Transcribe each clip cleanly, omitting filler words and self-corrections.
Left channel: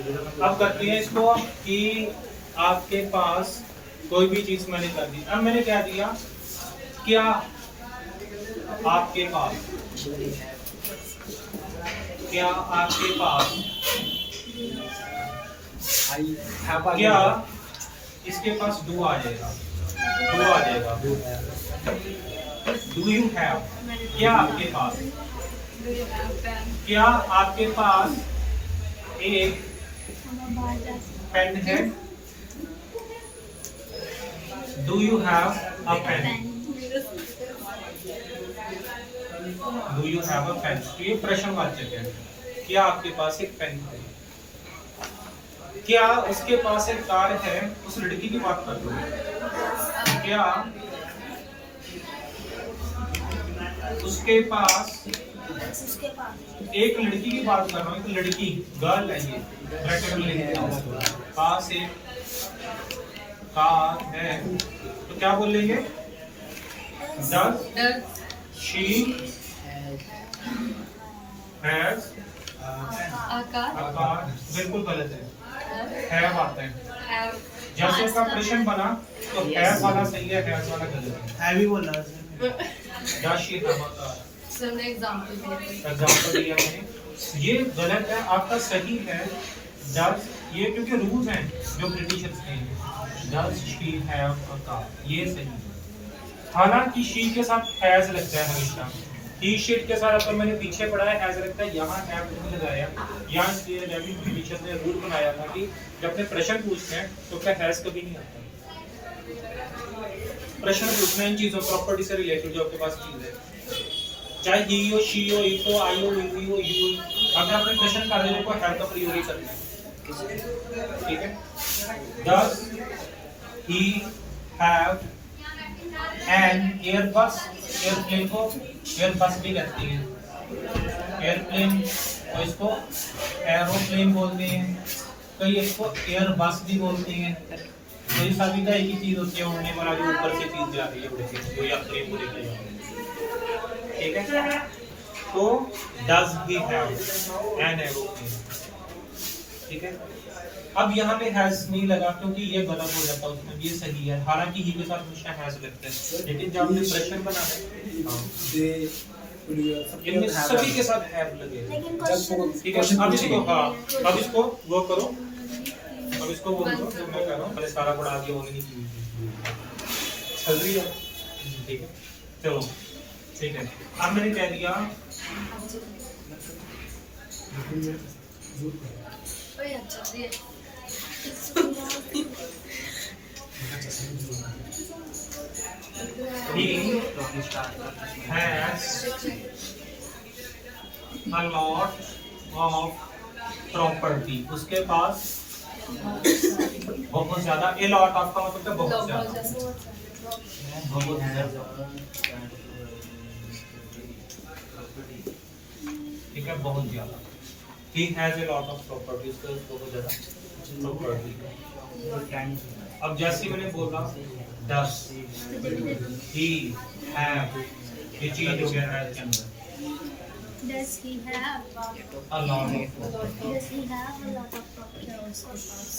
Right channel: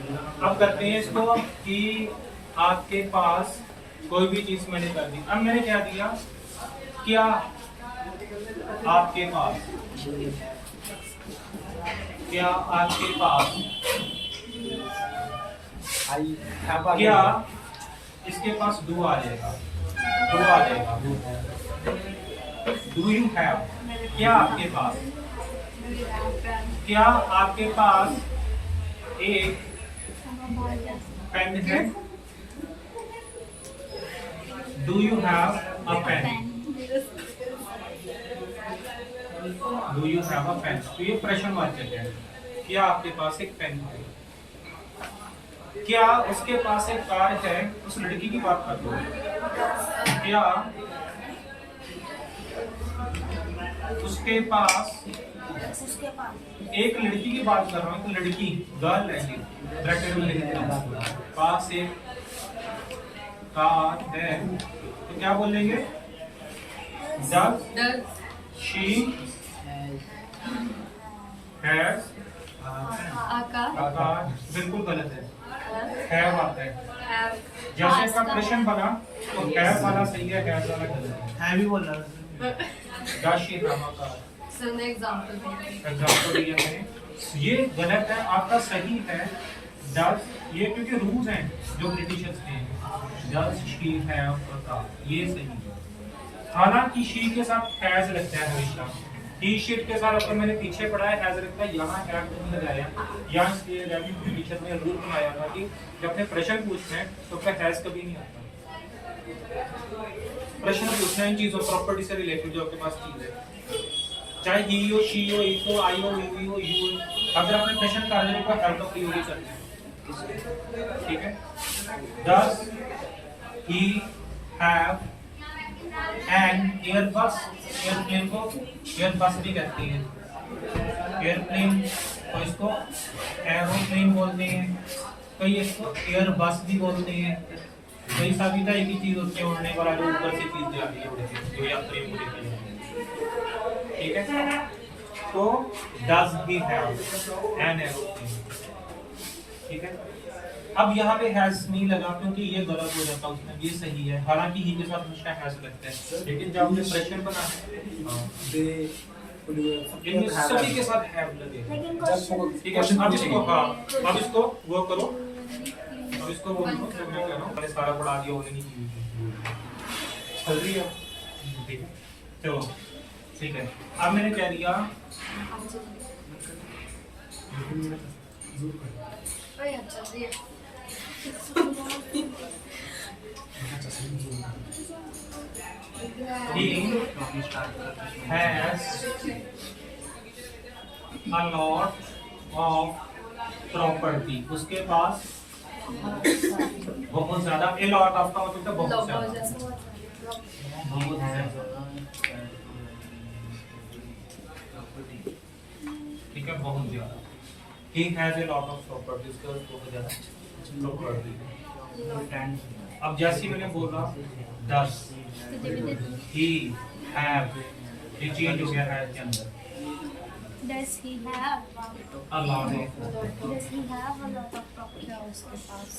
अब करते हैं इसको कि आपके पास कोई भी चीज मैंने कर दी। अब मैंने क्या दिया, क्या आपके पास, क्या आपके पास, क्या इसके पास डू आ जाएगा, डू आ जाएगा, डू यू हैव, क्या आपके पास, क्या आपके पास एक पेन है, do you have a pen, do you have a pen. तो ये प्रश्नवाचक है, क्या आपके पास एक पेन है, क्या उसके पास एक कार है, उस लड़की की बात कर दो, क्या उसके पास एक लड़की की बात कर रहा हूँ, एक लड़की गर्ल है, ये ब्रैकेट में लिख देना, पास एक कार है, तो क्या बोलेंगे, does she has a car. बिल्कुल गलत है, हैव आता है। जैसे इसका प्रश्न बना तो हैव वाला सही है, हैज वाला गलत है। हैवी बोला does she have a car, sir ने एग्जांपल दिया मैंने, ये गलत है। आपका सही है डज, ये क्योंकि रूल्स हैं जो ब्रिटिशर्स के हैं, does she have a car, ये सही है। हालांकि शी के साथ हैज लगता है हमेशा, टी शर्ट के साथ अगर मैंने पीछे पढ़ा है हैज लगता है, यहाँ हैव नहीं लगाया। यहाँ इसलिए जब ब्रिटिशर ने रूल बनाया था कि जब अपने प्रश्न पूछते हैं तो क्या हैज कभी नहीं आता। प्रश्न पूछना इन चीजों प्रॉपर्टी से रिलेटेड जो आपके पास चीज है, चाहे ही हो, शी हो, इफ हो, आई हो, वी हो, यू हो, अगर आपने प्रश्न कार्य को हैव का प्रयोग ही करना है, ठीक है। Does he have an Airbus, airplane को एयरबस भी कहते हैं, एयरप्लेन तो इसको एरोप्लेन बोलते हैं, कई इसको एयरबस भी बोलते हैं। तो ये सभी का एक ही चीज होती है, उड़ने वाला जो ऊपर से चीज जा रही है, उड़ के जो यात्री को लेकर जा रही है, ठीक है। तो does he have an aeroplane, ठीक है। अब यहाँ पे हैज नहीं लगा क्योंकि ये गलत हो जाता उसमें, ये सही है। हालांकि ही के साथ हमेशा हैज लगता है, लेकिन जब हमने प्रश्न बनाना है इनमें सभी के साथ हैव लगेगा, ठीक है। अब इसको, हाँ अब इसको वो करो, अब इसको वो करो जो मैं कह रहा हूँ, पहले सारा पढ़ा दिया होने नहीं चाहिए, चल रही है, ठीक है। चलो ठीक है, अब मैंने कह दिया ओए अच्छा जी he has a lot of property, उसके पास बहुत ज्यादा, a lot of का मतलब बहुत ज्यादा, बहुत ज्यादा, ठीक है, बहुत ज्यादा। He has a lot of property, उसके पास बहुत ज्यादा property। अब जैसे मैंने बोला does he have, ये चीज हो गया है के अंदर, Does he have a lot of, Does he have a lot of property उसके पास?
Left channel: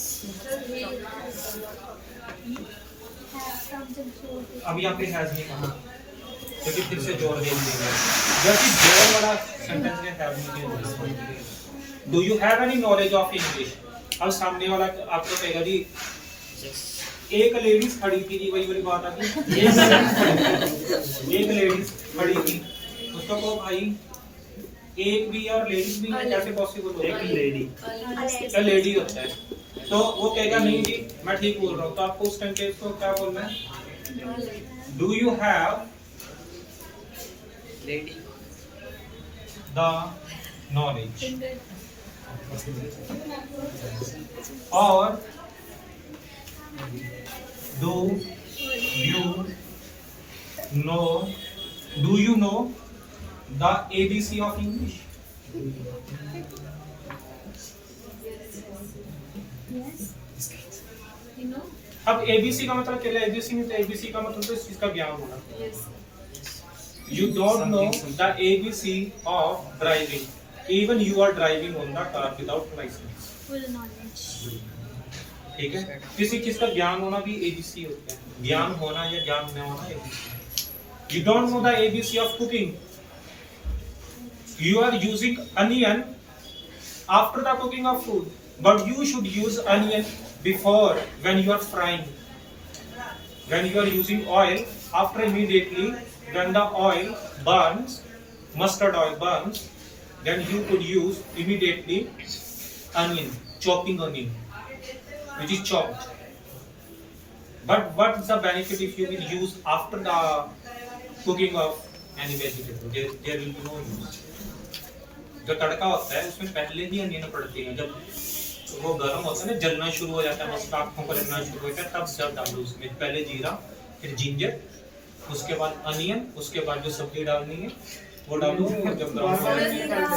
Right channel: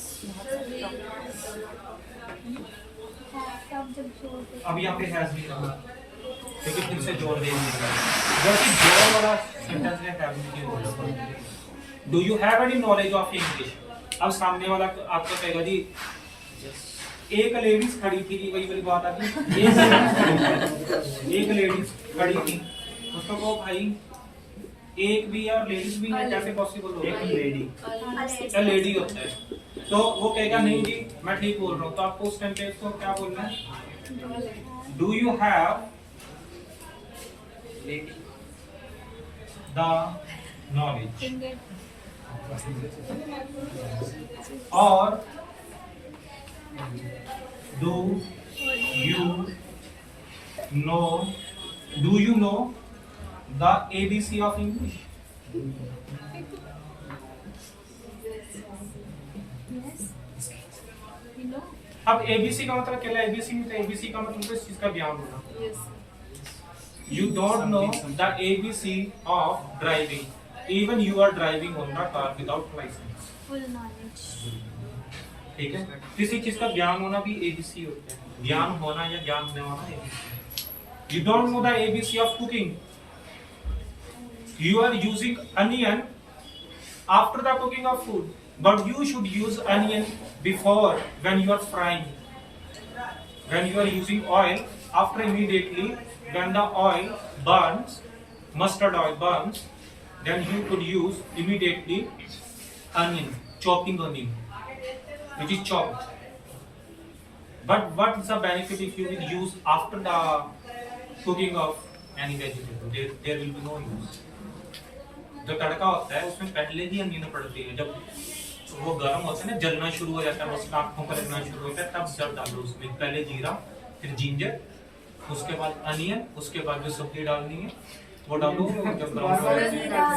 Has शब्द जोड़ के अब यहाँ पे हैज नहीं कहा क्योंकि फिर से जोर दे देंगे, जबकि जोर वाला सेंटेंस ने हैव नहीं किया। Do you have any knowledge of English? अब सामने वाला आपको कहेगा जी एक लेडीज खड़ी थी जी, वही वाली बात आती है, एक लेडीज खड़ी थी, उसको कहो भाई एक भी और लेडीज भी है, कैसे पॉसिबल हो? एक लेडी, लेडी होता है, तो वो कहेगा नहीं जी मैं ठीक बोल रहा हूँ, तो आपको उस सेंटेंस को क्या बोलना है? Do you have the knowledge, और do you know the ABC of English? You know? अब ABC का मतलब क्या है? ABC में तो ABC का मतलब तो इस चीज का ज्ञान होना। Yes. You don't know the ABC of driving, Even you are driving on the car without license. Full knowledge. ठीक है, किसी चीज का ज्ञान होना भी ABC होता है, ज्ञान होना या ज्ञान न होना ABC. You don't know the ABC of cooking. You are using onion after the cooking of food, but you should use onion before when you are frying. When you are using oil, after immediately when the oil burns, mustard oil burns, then you could use immediately onion, chopping onion, which is chopped. But what is the benefit if you will use after the cooking of any vegetable? There will be no use. जो तड़का होता है उसमें पहले ही onion पड़ती है, जब वो गर्म होता है ना, जलना शुरू हो जाता है, मस्त आँखों पर लगना शुरू होता है, तब जब डालो उसमें पहले जीरा, फिर जिंजर, उसके बाद अनियन, उसके बाद जो सब्जी डालनी है वो डालो, जब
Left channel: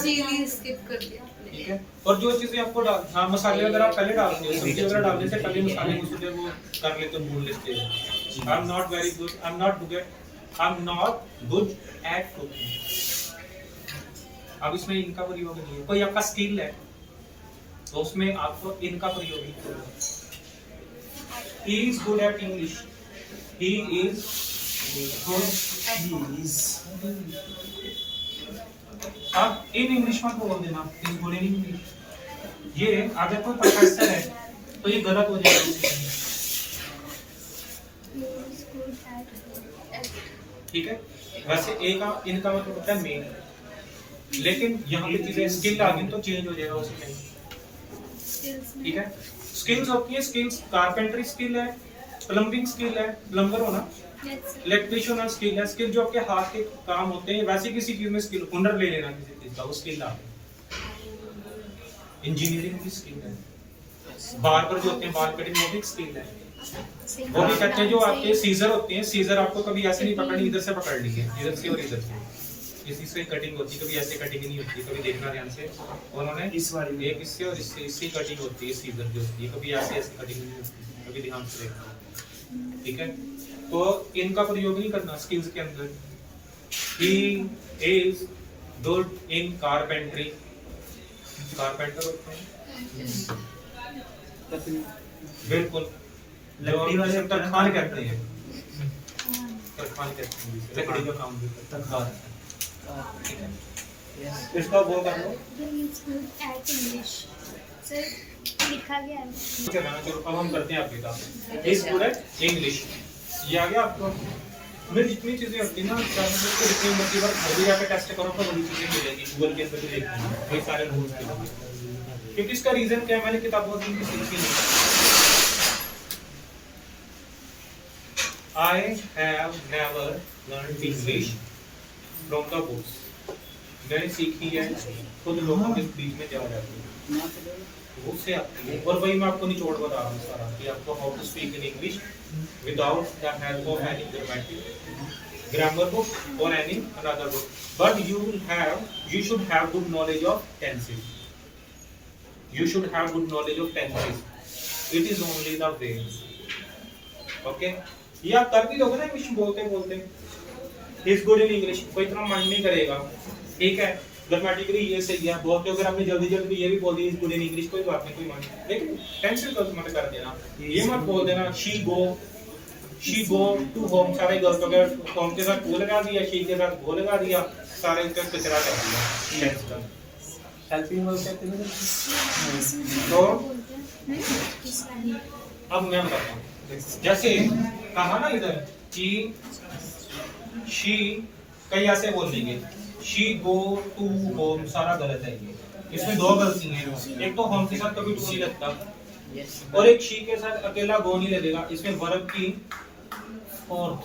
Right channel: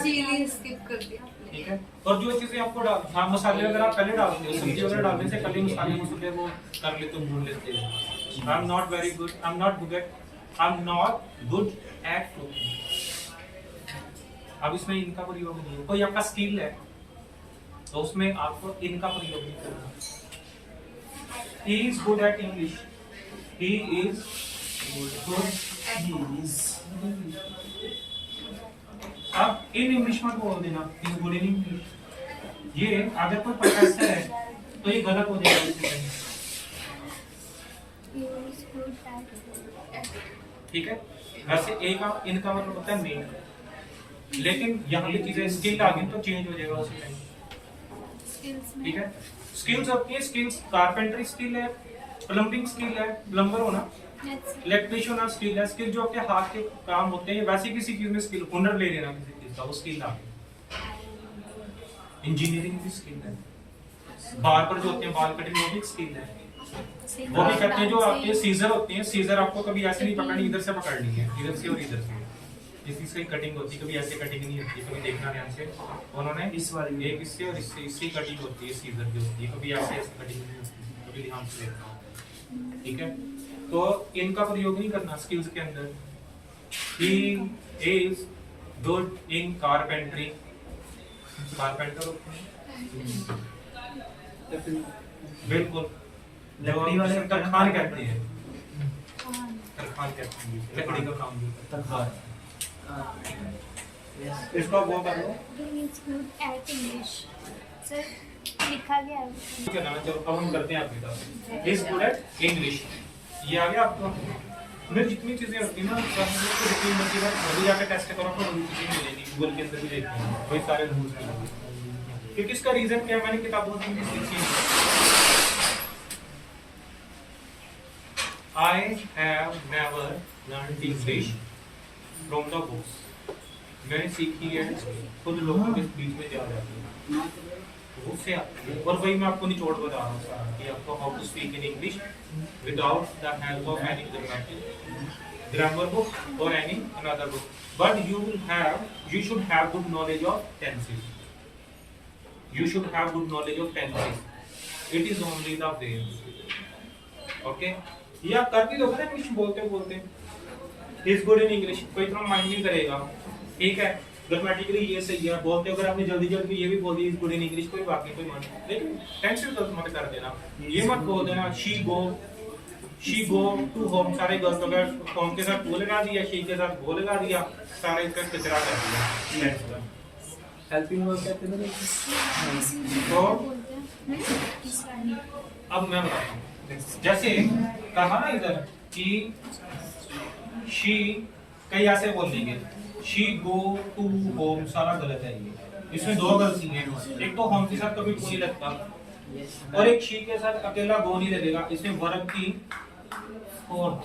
चिली स्किप कर दिया आपने। ठीक है। और जो चीजें आपको हाँ मसाले वगैरह आप पहले डालते हो, सब्जी वगैरह डालने से पहले मसाले मसूले वो कर लेते हो, भून लेते हो। I am not very good, I am not good at cooking. अब इसमें इनका प्रयोग नहीं है, कोई आपका स्किल है तो उसमें आपको इनका प्रयोग नहीं करना। He is good at English. He is good. अब इन इंग्लिश में बोल देना, इज गुड इन इंग्लिश। ये अगर कोई प्रोफेसर है तो ये गलत हो जाएगा इसके लिए। He is good at. ठीक है, वैसे ए का इनका मतलब होता है मेन, लेकिन यहाँ पे चीजें स्किल आ गई तो चेंज हो जाएगा उसी टाइम। ठीक है, स्किल्स होती है, स्किल्स कारपेंटरी स्किल है, प्लम्बिंग स्किल है, प्लम्बर होना, इलेक्ट्रिशियन होना स्किल है, स्किल जो आपके हाथ के काम होते हैं, वैसे किसी चीज में स्किल, हुनर ले लेना किसी चीज का, वो स्किल आ गई। इंजीनियरिंग भी स्किल है, बाल पर जो होते हैं बाल कटिंग वो भी स्किल है। वो भी कहते हैं जो आपके सीजर होते हैं, सीजर आपको कभी ऐसे नहीं पकड़नी, इधर से पकड़ ली है, इधर से और इधर से, इस इसकी कटिंग होती है, कभी ऐसे कटिंग नहीं होती है, कभी देखना ध्यान से, उन्होंने इस वाली एक इससे और इससे कटिंग होती है, सीजर जो होती है, कभी ऐसे कटिंग नहीं होती है, कभी ध्यान से देखना। ठीक है, तो इनका प्रयोग नहीं करना स्किल्स के अंदर। He is good in carpentry. Carpenter होते हैं बिल्कुल, लकड़ी वाले तरखान कहते हैं, तरखान कहते हैं, लकड़ी का काम भी तरखान। इसका वो कर लो। He is good at English. Sir, लिखा गया है। चलो अब हम करते हैं आपके काम। इज गुड एट इंग्लिश, ये आ गया आपको। मेरी जितनी चीजें होती है ना, आपको जितनी मर्जी बार जल्दी जाकर टेस्ट करो तो वही चीजें मिलेगी, गूगल के अंदर भी देखते हैं वही सारे रूल्स मिलेंगे। क्योंकि इसका रीजन क्या, मैंने किताबों से सीखी नहीं। I have never learned English from the books. मैंने सीखी है खुद लोगों के बीच में जा रहा है, उससे आती है। और वही मैं आपको निचोड़ बता रहा हूँ सारा, कि आपको how to speak in English without the help of any grammar book और any another book, but you should have good knowledge of tenses. You should have good knowledge of tenses. It is only the way. Okay? या कर भी दोगे ना कुछ बोलते बोलते, is good in English, कोई इतना माइंड नहीं करेगा। ठीक है, ग्रामेटिकली ये सही है, बोलते हो अगर आपने जल्दी जल्दी ये भी बोल दिया इज गुड इन इंग्लिश, कोई बात नहीं, कोई माइंड, लेकिन टेंशन तो मत कर देना, ये मत बोल देना शी गो टू होम, सारे गर्ल्स अगर होम के साथ गो लगा दिया, शी के साथ गो लगा दिया, सारे इसका कचरा कर दिया टेंस का। हेल्पिंग वर्ब कहते हैं तो अब मैं बताता हूँ, जैसे कहा ना इधर कि शी, कई ऐसे बोल देंगे शी गो टू होम, सारा गलत है ये, इसमें दो गलतियां हैं। एक तो होम के साथ कभी टू नहीं लगता, और एक शी के साथ अकेला गो नहीं लगेगा। इसमें वर्ब की फोर्थ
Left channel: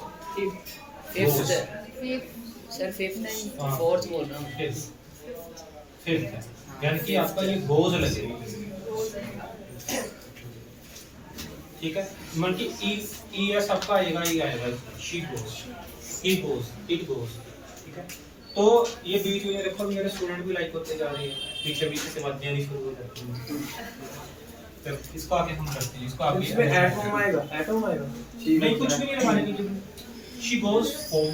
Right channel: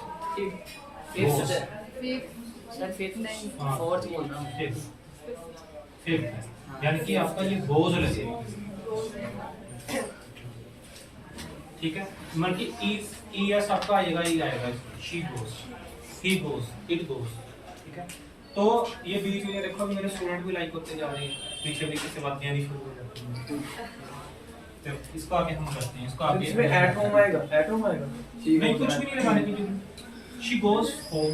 बोल रहा हूँ, फिफ्थ, यानी कि आपका ये गोज लगेगा। ठीक है, मन की ई एस आपका आएगा, ये आएगा, she goes, he goes, it goes. ठीक है, तो ये बीच में देखो मेरे स्टूडेंट भी लाइक होते जा रहे हैं, पीछे पीछे से बातें आनी शुरू हो जाती हैं। तो इसको आगे हम करते हैं, इसको आगे इसमें एटम आएगा, नहीं कुछ भी नहीं लगाने की जरूरत। She goes home,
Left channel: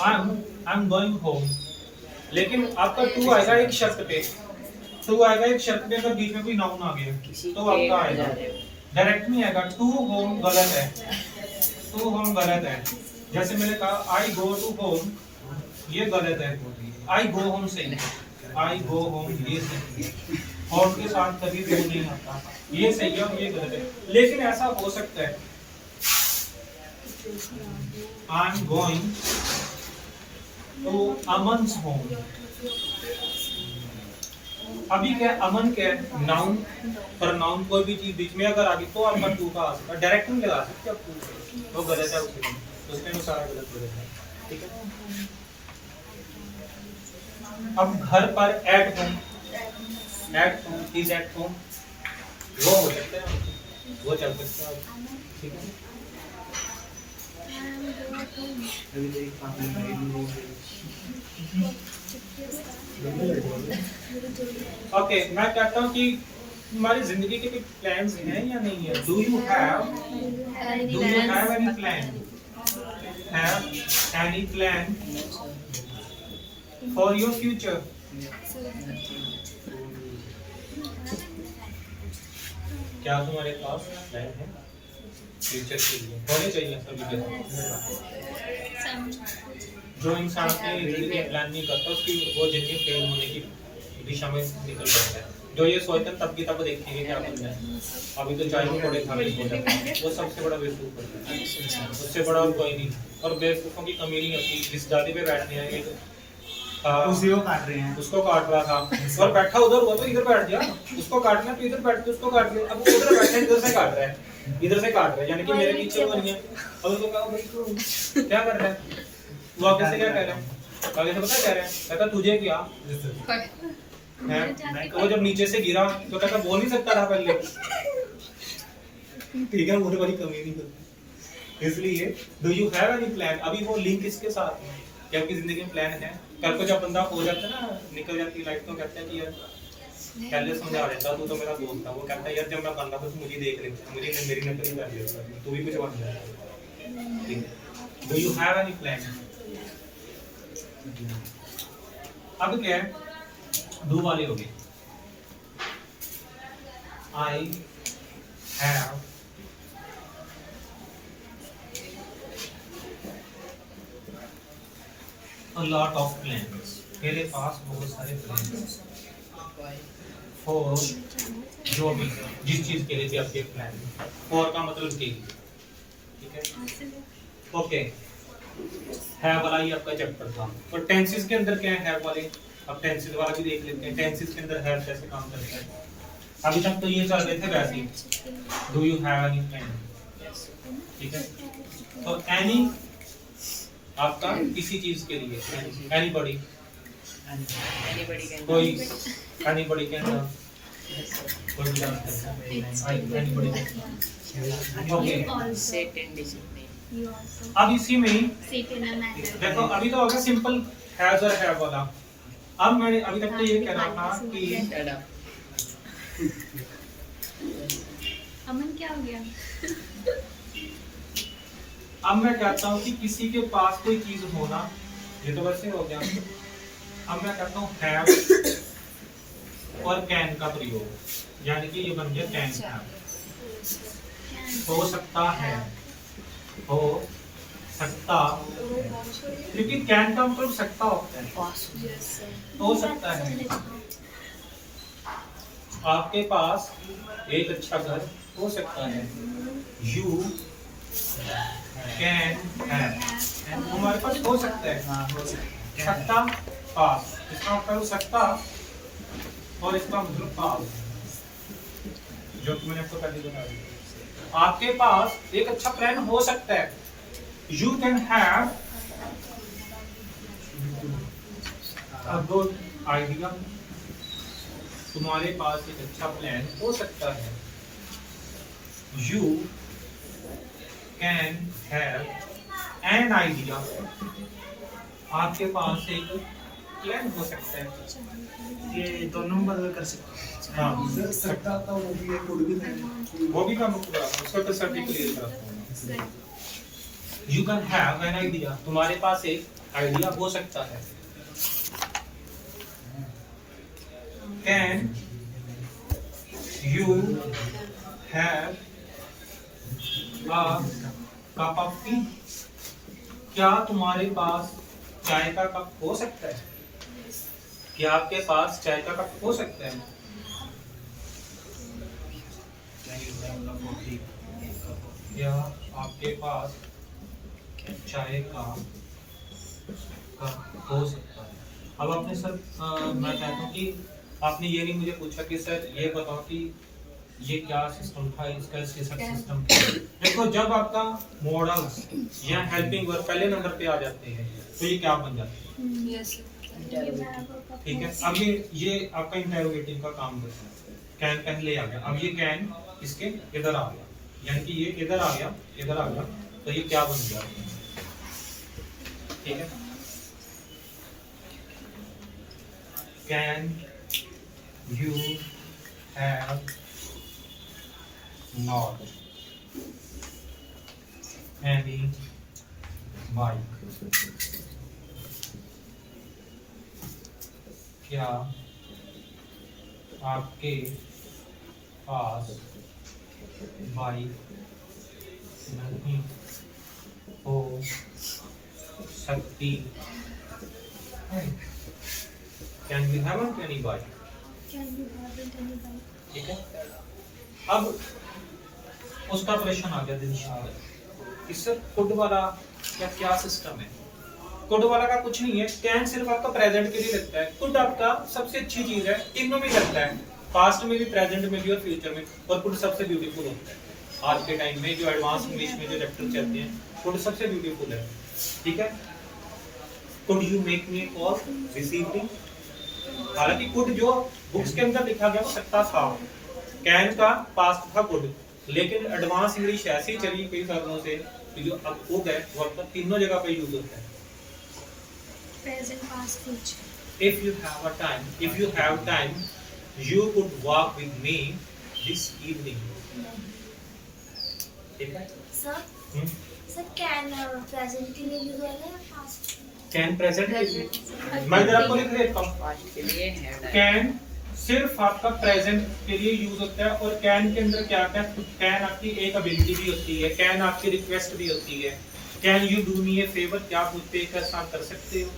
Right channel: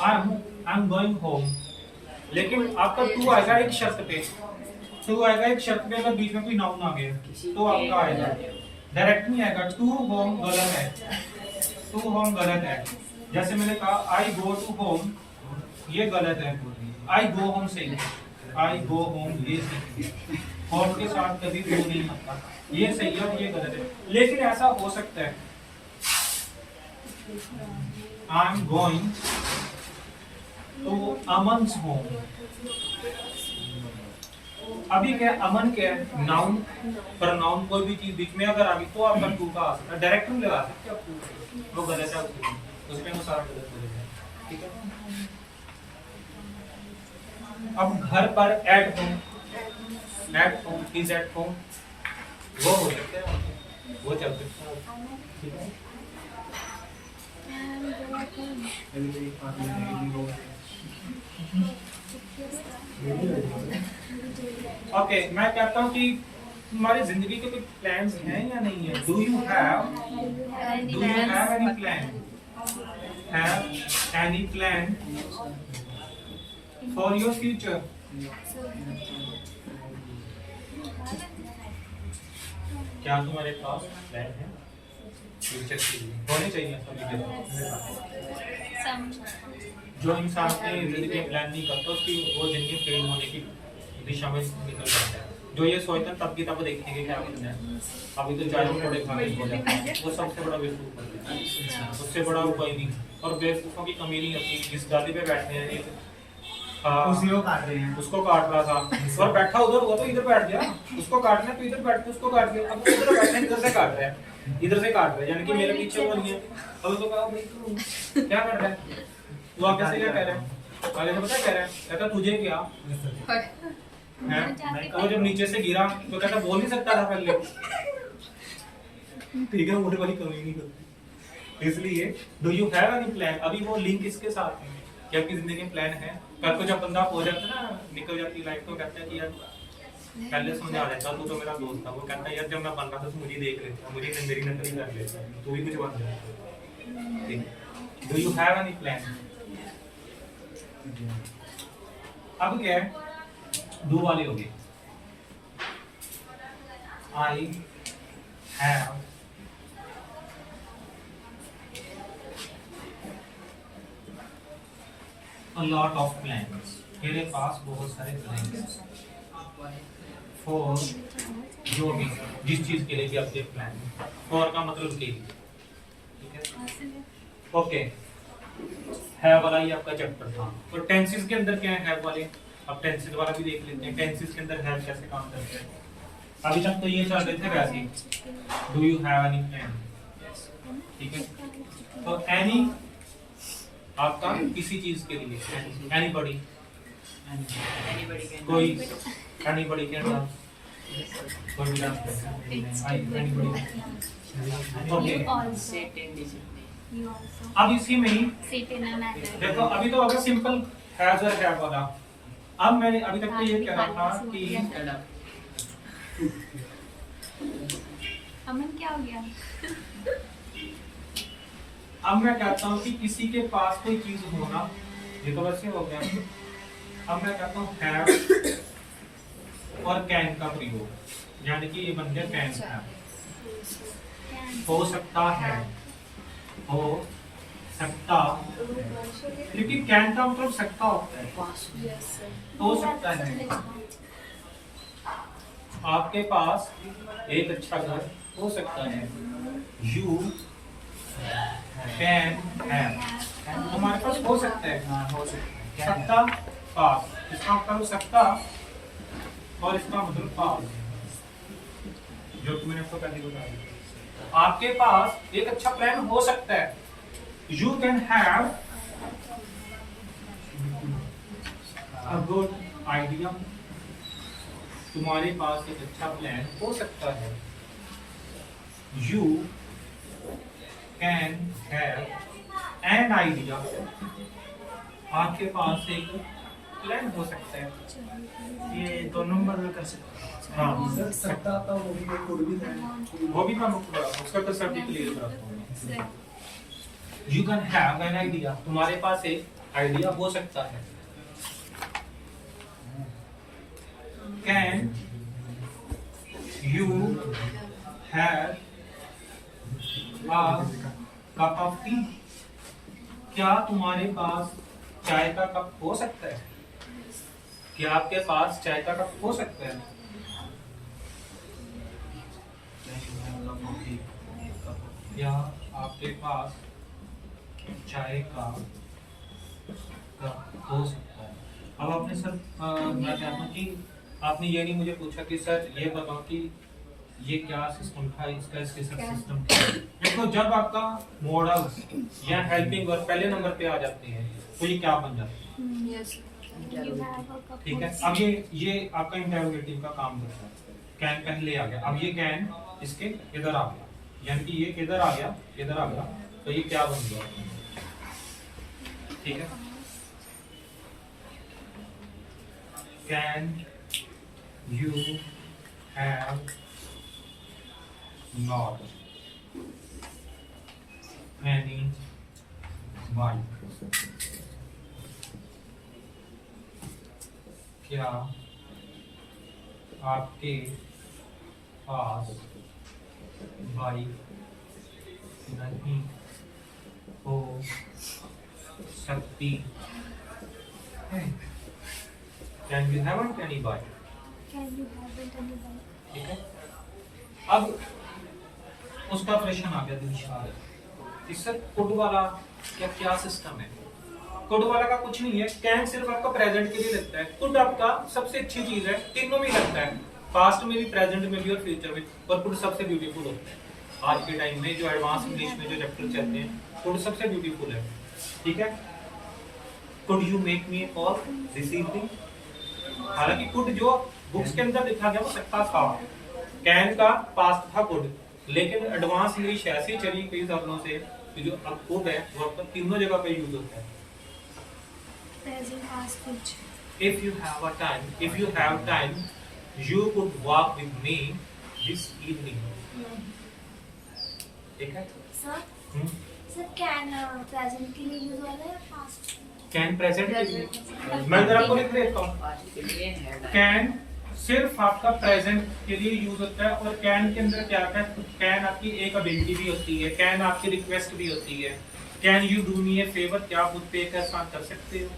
I am going home, लेकिन आपका टू आएगा एक शर्त पे, टू आएगा एक शर्त पे, अगर बीच में कोई नाउन आ गया तो आपका आएगा, डायरेक्ट नहीं आएगा। टू होम गलत है, टू होम गलत है। जैसे मैंने कहा आई गो टू होम, ये गलत है। आई गो होम सही है, आई गो होम ये सही है, होम के साथ कभी गो नहीं आता, ये सही है और ये गलत है। लेकिन ऐसा हो सकता है I am going to Aman's home. अभी क्या है, अमन क्या है, नाउन, पर नाउन कोई भी चीज बीच में अगर आ गई तो आपका टू का आ सकता है, डायरेक्ट नहीं लगा सकते आप टू, वो गलत है, उसके अनुसार गलत हो जाएगा। ठीक है। अब घर पर at home, at home, is at home, वो हो सकता है, वो चल सकता है। ठीक है। अभी तो एक पार्ट में वो ओके, मैं कहता हूँ कि तुम्हारी जिंदगी के कोई प्लान्स हैं या नहीं है? Do you have any plan, have any plan for your future? क्या तुम्हारे पास प्लान है फ्यूचर के लिए? होने चाहिए सभी के पास। जो इंसान अपनी जिंदगी में प्लान नहीं करता उसकी वो जिंदगी फेल होने की दिशा में निकल जाता है। जो ये सोचता है तब की तब देखेंगे क्या करना है, अभी तो चाय पकौड़े खाने को जाता है, वो सबसे बड़ा बेवकूफ है, उससे बड़ा कोई नहीं। और बेवकूफों की कमी नहीं होती, जिस गाड़ी पे बैठने हैं उसी को काट रहे हैं, उसको काट रहा था और बैठा उधर हुआ तो इधर बैठ गया, उसको काटना तो इधर बैठ के उसको काट दिया, अब उधर बैठे इधर से काट रहा है, इधर से काट रहा है, यानी कि मेरे पीछे वो नहीं है। अब उसको कहा भाई तू क्या कर रहा है, वो आगे से क्या कह रहा है, आगे से पता क्या कह रहा है, कहता तुझे क्या है, वो जब नीचे से गिरा तो कहता बोल नहीं सकता था पहले। ठीक है, मुझे बड़ी कमी नहीं होती। इसलिए do you have any plan, अभी वो लिंक इसके साथ है कि आपकी जिंदगी में प्लान है। कल को जब बंदा हो जाता है ना, निकल जाती है लाइफ, तो कहता है कि यार पहले समझा देता, तू तो मेरा दोस्त था। वो कहता है यार जब मैं बन रहा था तो मुझे देख लेता, मुझे मेरी नकल ही कर लेता, तू भी कुछ बन जाता। Do you have any plan? अब क्या है, दो वाले हो गए। I have a lot of plans, मेरे पास बहुत सारे प्लान्स फॉर जो भी जिस चीज के लिए भी आपके प्लान, फॉर का मतलब के लिए। ठीक है, ओके। हैव वाला ही आपका चैप्टर था। और टेंसेस के अंदर क्या है हैव वाले, अब टेंसेस वाला भी देख लेते हैं। टेंसेस के अंदर हैव कैसे काम करता है। अभी तक तो ये चल रहे थे वैसे ही, do you have any plan. ठीक है, तो एनी आपका किसी चीज के लिए, एनीबॉडी, कोई एनीबॉडी के अंदर कोई भी डांस करता है, एनीबॉडी। अब इसी में ही देखो, अभी तो होगा सिंपल हैज और हैव वाला। अब मैंने अभी तक तो ये कह रहा था कि अमन क्या हो गया? अब मैं कहता हूँ कि किसी के पास कोई चीज होना, ये तो वैसे हो गया। अब मैं कहता हूँ हैव और कैन का प्रयोग, यानी कि ये बन गया कैन हैव। हो सकता है, हो सकता, क्योंकि कैन का मतलब सकता होता है, हो सकता है। आपके पास एक अच्छा घर हो सकता है, यू कैन हैव, हमारे पास हो सकता है, हाँ हो सकता है, सकता पास, इसका मतलब हो सकता और इसका मतलब पास, जो कि मैंने आपको पहले बताया। आपके पास एक अच्छा प्लान हो सकता है, you can have a good idea, तुम्हारे पास एक अच्छा प्लान हो सकता है, you can have an idea, आपके पास एक प्लान हो सकता है। ये दोनों बदल कर सकते हैं। हाँ, सकता था वो भी एक कोड भी था, वो भी मैं उसका कंसेप्ट भी क्लियर करता हूँ। You can have an idea, तुम्हारे पास एक आइडिया हो सकता है। Can you have a cup of T? क्या तुम्हारे पास चाय का कप हो सकता है? क्या आपके पास चाय का कप हो सकता है? क्या आपके पास चाय का कप हो सकता है? अब आपने सर मैं चाहता हूँ कि आपने ये नहीं मुझे पूछा कि सर ये बताओ कि ये क्या सिस्टम था, इसका इसके साथ सिस्टम। देखो जब आपका मॉडल्स या हेल्पिंग वर्ब पहले नंबर पे आ जाते हैं तो ये क्या बन जाते हैं? यस ठीक है। अब ये आपका इंटरोगेटिव का काम करता है। कैन पहले आ गया, अब ये कैन इसके इधर आ गया, यानी कि ये इधर आ गया, इधर आ गया, तो ये क्या बन गया? ठीक है। Can you have not any bike? क्या आपके पास बाइक नहीं हो सकती है? Can you have any bike? ठीक है। अब उसका प्रश्न आ गया दिलशाद, इससे कुड वाला क्या सिस्टम है? कुड वाला का कुछ नहीं है। कैन सिर्फ आपका प्रेजेंट के लिए लगता है, कुड आपका सबसे अच्छी चीज है, तीनों में लगता है, पास्ट में भी, प्रेजेंट में भी और फ्यूचर में। और कुड सबसे ब्यूटीफुल होता है आज के टाइम में, जो एडवांस इंग्लिश में जो चैप्टर चलते हैं, कुड सबसे ब्यूटीफुल है। ठीक है। Could you make me A call this evening? हालांकि कुड जो बुक्स के अंदर लिखा गया वो सकता था, कैन का पास्ट था कुड, लेकिन एडवांस इंग्लिश ऐसी चली कई सालों से कि जो अब कुड है वो आपका तीनों जगह पे यूज होता है। Present, past, future. If you have time, you could walk with me this evening. ठीक है। Sir, sir, can present के लिए use वाला है past? कैन प्रेजेंट के लिए मैं इधर आपको लिख देता हूँ। कैन सिर्फ आपका प्रेजेंट के लिए यूज होता है, और कैन के अंदर क्या क्या? कैन आपकी एक एबिलिटी भी होती है, कैन आपकी रिक्वेस्ट भी होती है। Can you do me A favour? क्या आप मुझ पे एक एहसान कर सकते हो?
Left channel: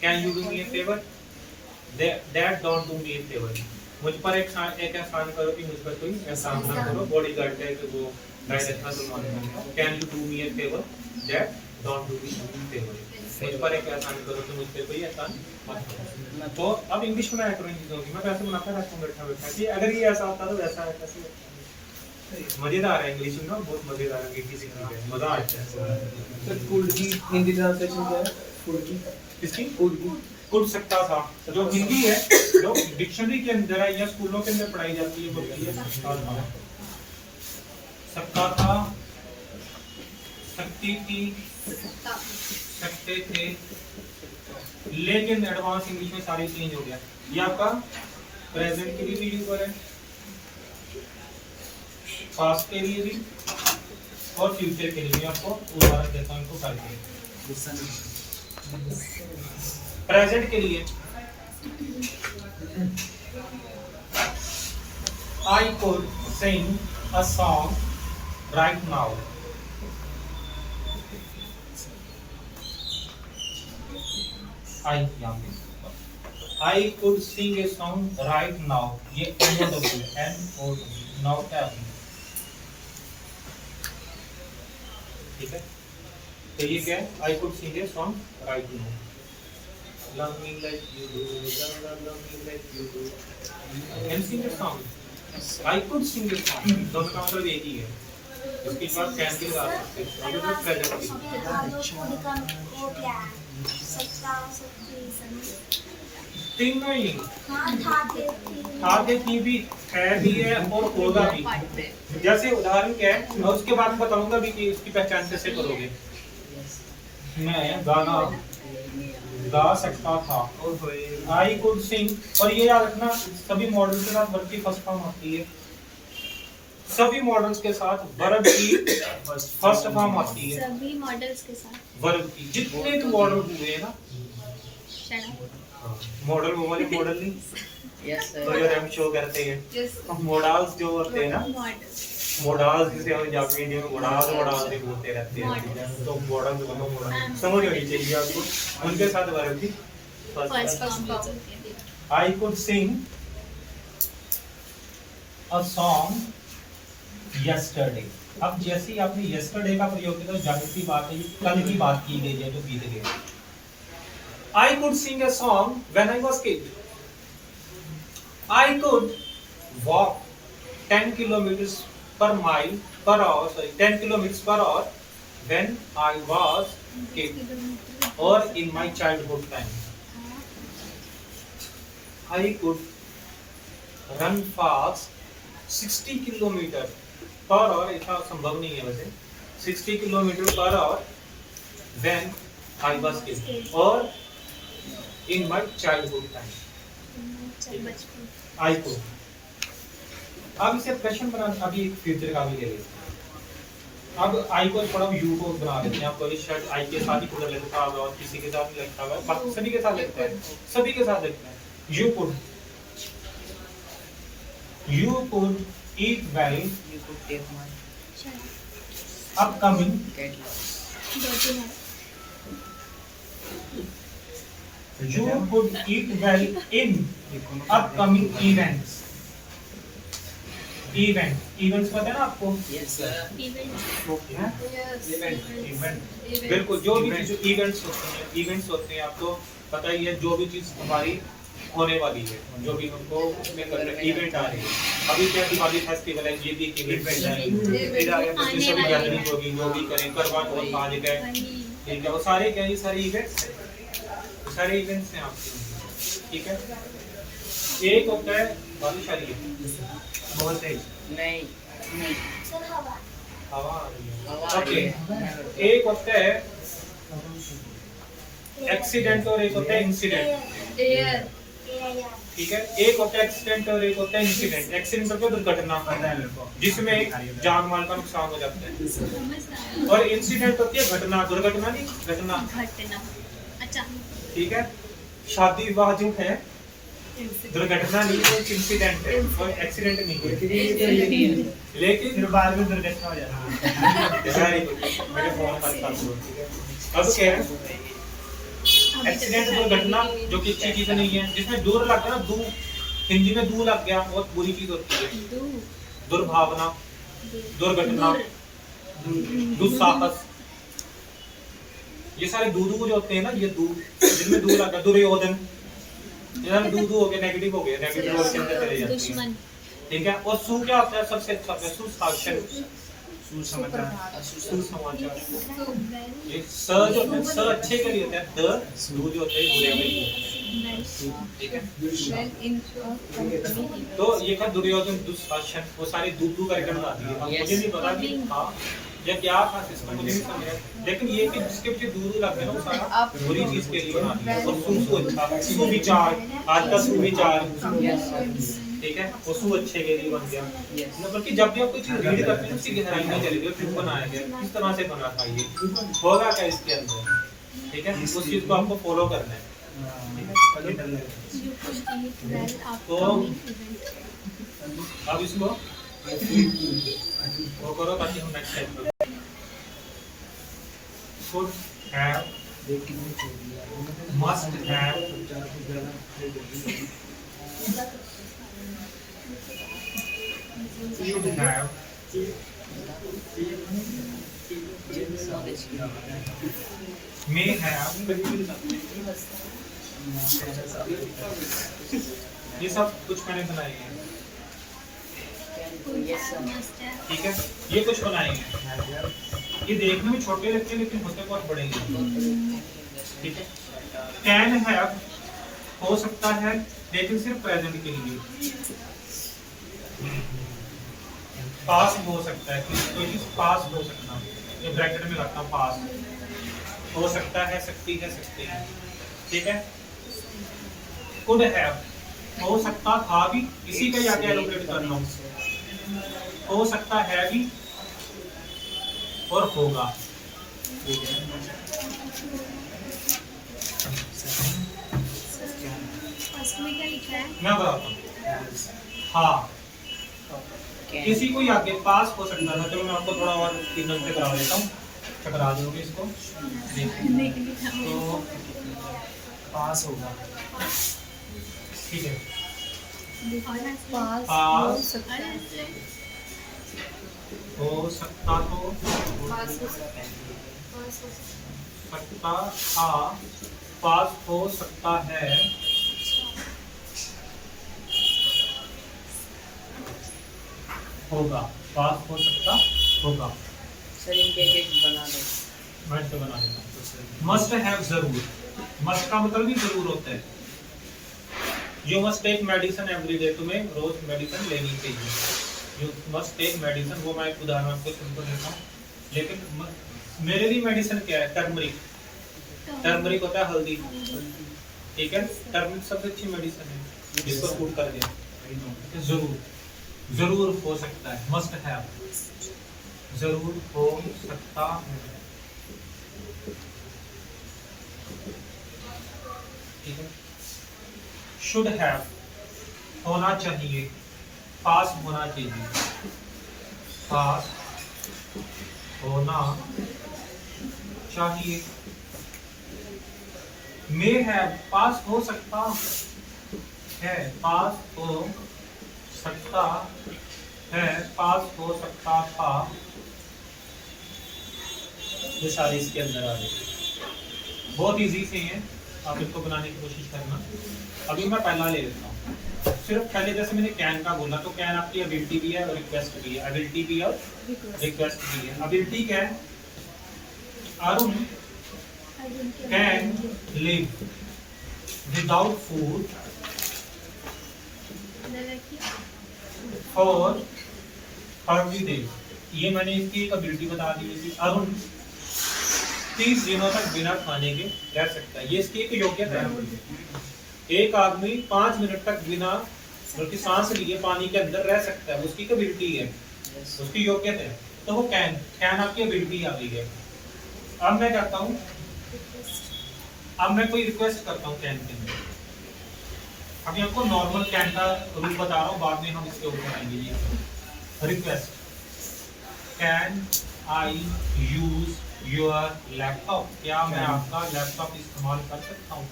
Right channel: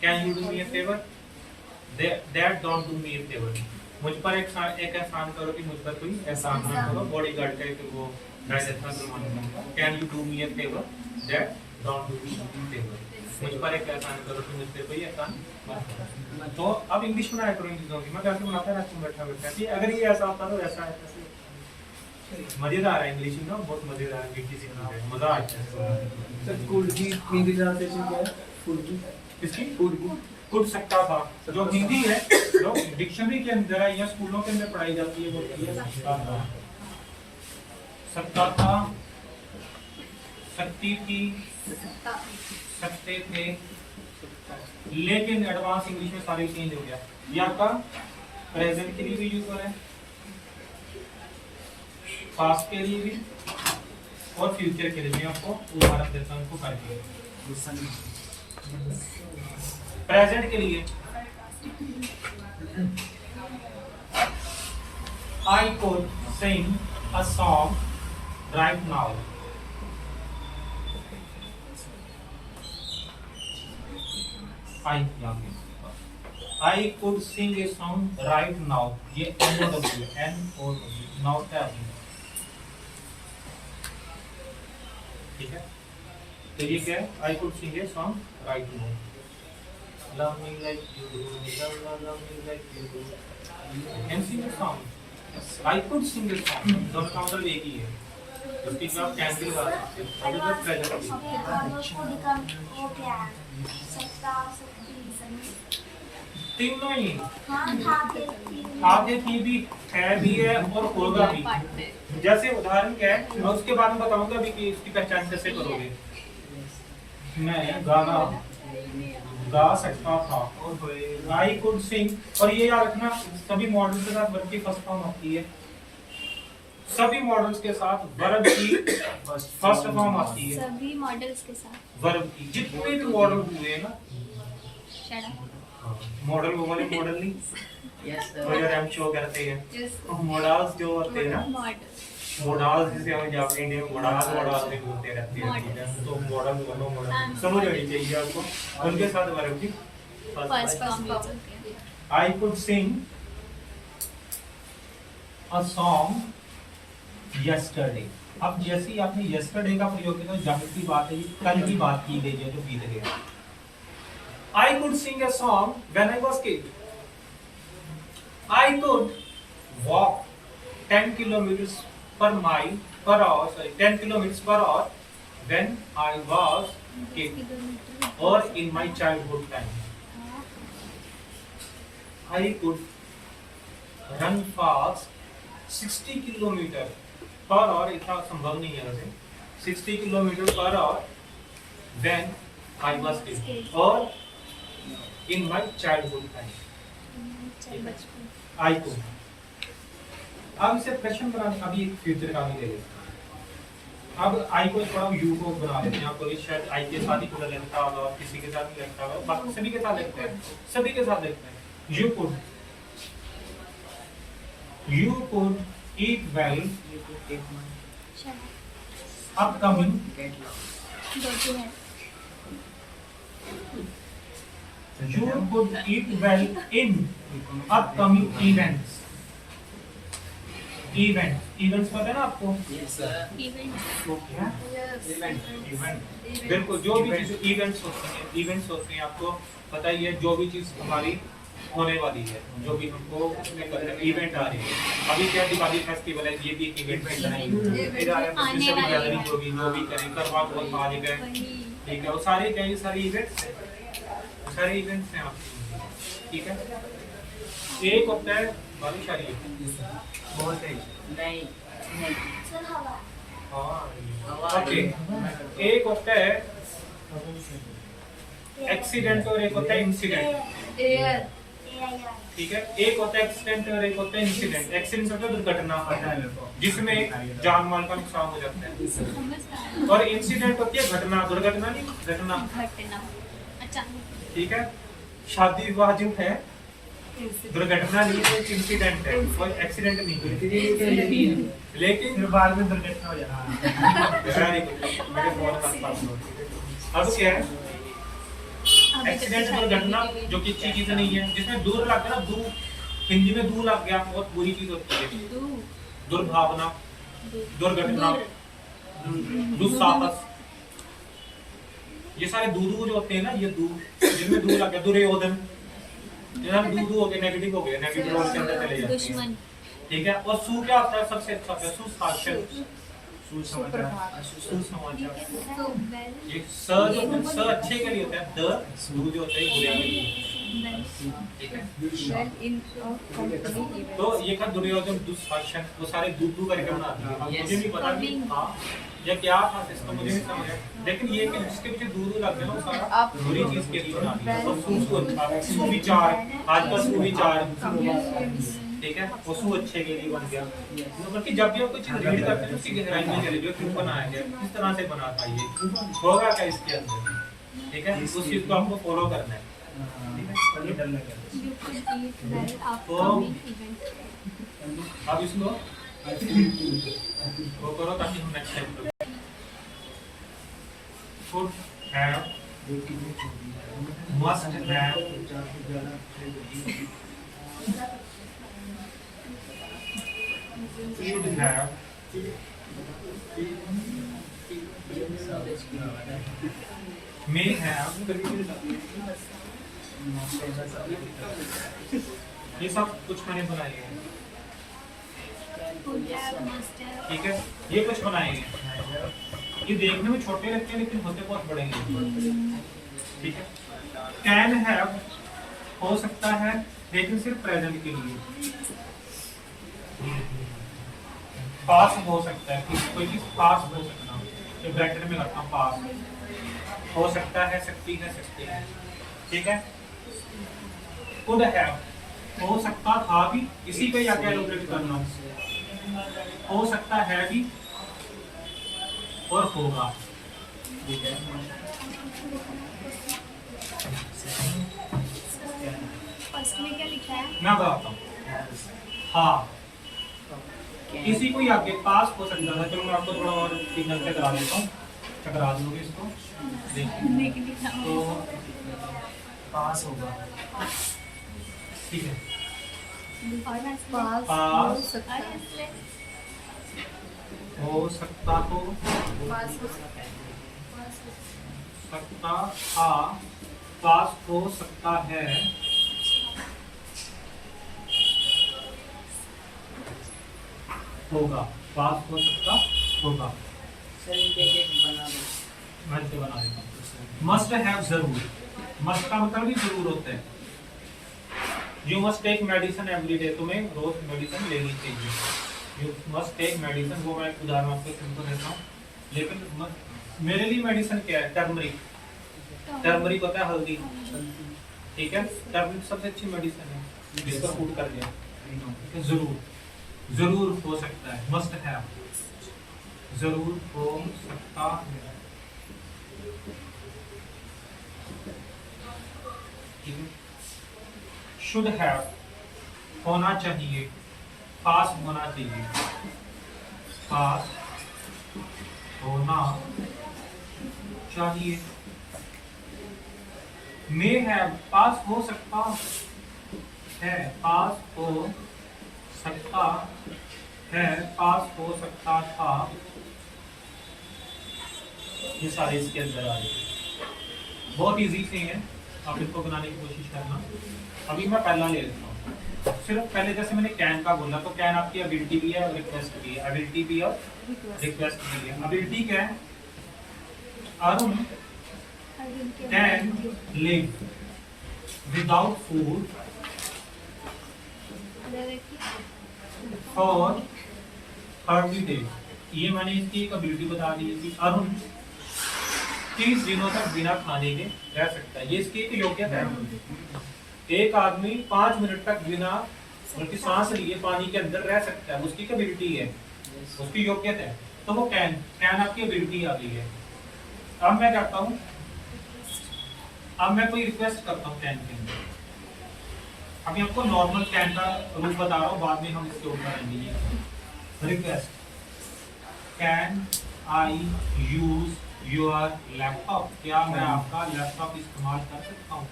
Can you do me A favour? That don't do me A favour. मुझ पर एक एहसान करो कि मुझ पर कोई एहसान ना करो। बॉडीगार्ड का एक वो डायरेक्टर बनवाने का। Can you do me A favour? That don't do me A favour. मुझ पर एक एहसान करो कि मुझ पे कोई एहसान मत करो। तो अब इंग्लिश में ऐड करो इन चीजों की, मैं वैसे बनाता रहता हूँ बैठा बैठा कि अगर ये ऐसा होता तो वैसा है, कैसे मजेदार है इंग्लिश में, बहुत मजेदार है, मीठी सी चीज है, मजा आता है। तो कुड की हिंदी ट्रांसलेशन क्या है? कुड की किसकी? कुड की कुड सकता था, जो हिंदी है, जो डिक्शनरी के अंदर है या स्कूलों के अंदर पढ़ाई जाती है, वो है सकता था, सकती थी, सकते थे, लेकिन एडवांस इंग्लिश में सारे चेंज हो गया। ये आपका प्रेजेंट के लिए भी यूज हो रहा है, पास्ट के लिए भी और फ्यूचर के लिए भी। आपको उदाहरण देता हूँ इनको करके। गुस्सा नहीं। प्रेजेंट के लिए I could sing a song right now. I could sing a song right now. ये N-O-W now tab। ठीक है। तो ये क्या है? I could sing a song right now. Love me like you do, love me like you do. Can sing a song. I could sing a song. दोनों का मतलब एक ही है। इसकी बात कैन भी लगा सकते हैं। और जो प्रेजेंट भी। वो क्या है? सकता, सकती, सकती। तीनों ही। हाँ, था के थी। आगे की भी है भी है और होगा भी। जैसे उदाहरण क्या है, मैं उसके बाद में बताऊंगा भी कि इसकी पहचान कैसे करोगे। मैं गाना गा सकता था, आई कुड सिंग। और ये याद रखना, सभी मॉडल्स के साथ वर्ब की फर्स्ट फॉर्म आती है, सभी मॉडल्स के साथ वर्ब की फर्स्ट फॉर्म आती है। सभी मॉडल्स के साथ वर्ब की जितने भी मॉडल हुए ना, शट अप। मॉडल वो वाले मॉडल नहीं, Yes, तो sir. जो रैम शो करते हैं Yes. मोडाल्स जो होते हैं ना, मॉडल मोडाल्स जिसे हम जाके इंडिया में मोडाल्स भी बोलते रहते हैं, तो मॉडल बनो मॉडल समझ होनी चाहिए आपको। उनके साथ बारे में first computer I could sing a song yesterday। अब जैसे ही आपने yesterday का प्रयोग किया तो जाहिर सी बात है ये कल की बात की गई है जो बीत गया। I could sing a song when I was kid। I could walk 10 kilometers per mile per hour, sorry 10 kilometers per hour when I was kid or in my childhood time। I could run fast 60 kilometre per hour, इतना संभव नहीं है वैसे, 60 kilometre per hour when I was kid और in my childhood time। I could। अब इसे प्रश्न बना, अभी एक फ्यूचर का भी ले लेते हैं। अब आई को थोड़ा यू को बना लेते हैं। आपको शायद आई के साथ ही थोड़ा लगता होगा और किसी के साथ नहीं लगता होगा, बाकी सभी के साथ लगता है, सभी के साथ लगता है। You could eat well You could take my upcoming get lost. Birthday है you could eat well in upcoming events। events पता है ना आपको? Yes, sir. Event Yes. Event बिल्कुल, जो भी चीज इवेंट्स होते हैं आपको पता ही है, जो भी चीज हमारी होने वाली है, जो भी उनको उसमें कर रहे हैं, इवेंट आ रहे हैं। अभी क्या दिवाली फेस्टिवल है, ये भी एक इवेंट है। फिर आगे बच्चे सभी गैदरिंग होगी, जो भी करें, करवा चौथ आ जाएगा, ठीक है, वो सारे क्या ये सारे इवेंट्स हैं, सारे इवेंट्स हैं आपके, ठीक है। एक होता है बारिश आ रही है बहुत तेज, नहीं नहीं सर हवा हवा आ रही है, हवा आ रही ओके। एक होता है एक्सीडेंट और एक होता है इंसिडेंट, Air. ठीक है। एक होता है एक्सीडेंट और एक होता है इंसिडेंट। एक्सीडेंट मतलब दुर्घटना होता है जिसमें जान माल का नुकसान हो जाता है, और इंसिडेंट होती है घटना, दुर्घटना नहीं, घटना, घटना अच्छा ठीक है। शादी विवाह जो है दुर्घटना नहीं है, इंसिडेंट है, और एक्सीडेंट नहीं है, लेकिन फिर बाद में दुर्घटना हो जाती Very good। मेरे फोन पर पास हो, ठीक है। अब क्या है एक्सीडेंट, दुर्घटना जो कि अच्छी चीज नहीं है, जिसमें दूर लग गया ना, दू हिंदी में दू लग गया बहुत बुरी चीज होती है। दुर्भावना, दुर्घटना, दुस्साहस, ये सारे दूदू जो होते हैं ना, ये दू जिनमें दू लग गया, दुर्योधन, इधर दूदू हो गए, नेगेटिव हो गए, नेगेटिव वर्ड के अंदर चले जाते हैं, दुश्मन ठीक है। और सु क्या होता है सबसे अच्छा होता है सुशासन, सुसमाचार सुसमाचार। ये स जो होता है स अच्छे के लिए होता है, द दू जो होता है बुरे के लिए, ठीक है। Well, in company. तो ये था दुर्योधन, दुशासन, वो सारे दूदू करके बनाती है। अब मुझे नहीं पता कि हाँ या क्या था सिस्टम, मुझे नहीं समझ आया, लेकिन ये कि जिसके पीछे दूदू लगते हैं ना, वो सारा बुरी चीज के लिए बनाती है। और सु को अच्छा, सुविचार, आज का सुविचार, ठीक है, वो सु अच्छे के लिए बन गया। बल्कि जब भी आप कोई चीज रीड करते हैं उसकी गहराई में चले जाओ, क्यों बनाया गया, किस तरह से बना था, ये होगा क्या इसके अंदर, ठीक है, उस चीज को आपको फॉलो करना है, ठीक है। पहले डर लग रहा You could eat well तो upcoming event. अब इसको वो करो ताकि हम नेक्स्ट टाइम करें। Could have, must have, should have, may have, ये सब कुछ मैंने बनाए हैं, Could have, must have. ठीक है, ये कुछ बनाए हैं। ये देखने में छोटे लगते हैं लेकिन होते बहुत बड़े हैं, ठीक है। कैन हैव हो सकता है लेकिन सिर्फ प्रेजेंट के लिए, पास हो सकता है, कोई चीज पास हो सकता है, ये ब्रैकेट में रखना, पास हो सकता है, सकती है, सकते हैं, ठीक है। कुड हैव हो सकता था भी, इसी पे आगे एलोकेट करना, हो सकता है भी और होगा, लास्ट में क्या लिखा है? मैं बताता हूँ। हाँ, Can. किसी को आगे पास हो सकता था। चलो मैं आपको थोड़ा और 3 मिनट से करा देता हूँ, टकरा दूंगी इसको। देखिए, तो पास होगा, ठीक है। पास हो पास सकता है। हो सकता तो पास हो सकता था, पास हो सकता है, होगा, पास हो सकता होगा। सर इनके एक बना दो। मैं इसे बना देता हूँ। मस्ट हैव जरूर, मस्ट का मतलब भी जरूर होता है। You must take medicine every day, तुम्हें रोज मेडिसिन लेनी चाहिए। यू मस्ट टेक मेडिसिन, वो मैं एक उदाहरण आपको सिंपल देता हूँ। लेकिन मेरे लिए मेडिसिन क्या है? टर्मरिक। टर्मरिक होता है हल्दी, ठीक है। टर्मरिक सबसे अच्छी मेडिसिन है जिसको सूट कर दिया। जरूर, जरूर हो सकता है, मस्ट हैव, जरूर हो सकता है, ठीक है। शुड हैव, होना चाहिए, पास होना चाहिए, पास होना चाहिए। मे हैव, पास हो सकता है, पास हो सकता है, पास हो सकता था। ये सारे इसके अंदर आ गए। बहुत इजी से हैं, आप इसको बनाने की कोशिश करना। अभी मैं पहला ले लेता हूँ। सिर्फ पहले जैसे मैंने कैन का बोला, तो कैन आपकी एबिलिटी भी है और रिक्वेस्ट भी है। एबिलिटी भी और रिक्वेस्ट भी है। एबिलिटी क्या है? Arun can live without food for 30 days. ये मैंने इसकी एक एबिलिटी बता दी है कि अरुण 30 दिनों तक बिना खाने के रह सकता है। ये इसकी एक योग्यता है। एक आदमी 5 मिनट तक बिना बल्कि सांस लिए पानी के अंदर रह सकता है, उसकी एबिलिटी है, उसकी योग्यता है। तो वो कैन, कैन आपकी एबिलिटी आ गई है। अब मैं करता हूँ, अब मैं कोई रिक्वेस्ट करता हूँ कैन के अंदर। अभी आपको नॉर्मल कैन का रूल बता रहा हूँ, बाद में हम इसके ऊपर आएंगे। Request, can I use your laptop, क्या मैं आपका लैपटॉप इस्तेमाल कर सकता हूँ?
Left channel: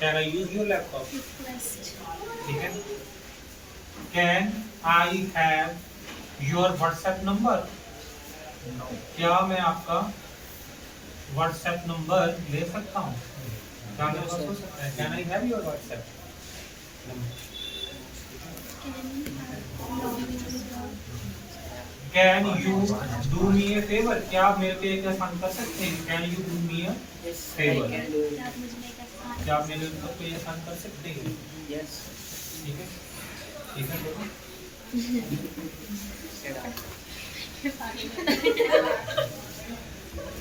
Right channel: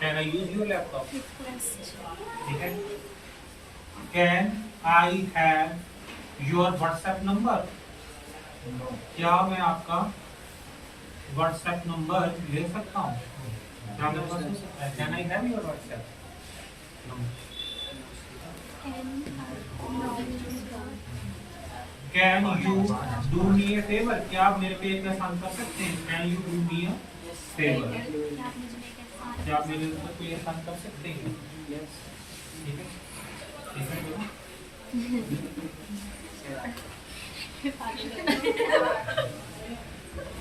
Can I use your laptop, ठीक है। Can I have your WhatsApp number, क्या मैं आपका व्हाट्सएप नंबर ले सकता हूँ? क्या मेरे पास हो सकता है? Can I have your WhatsApp number? Can you do me A favour, क्या आप मेरे पे एक एहसान कर सकते हैं? Can you do me A favour, क्या आप मेरे ऊपर कोई एहसान कर सकते हैं? यस। ठीक है, ठीक है, बोलो।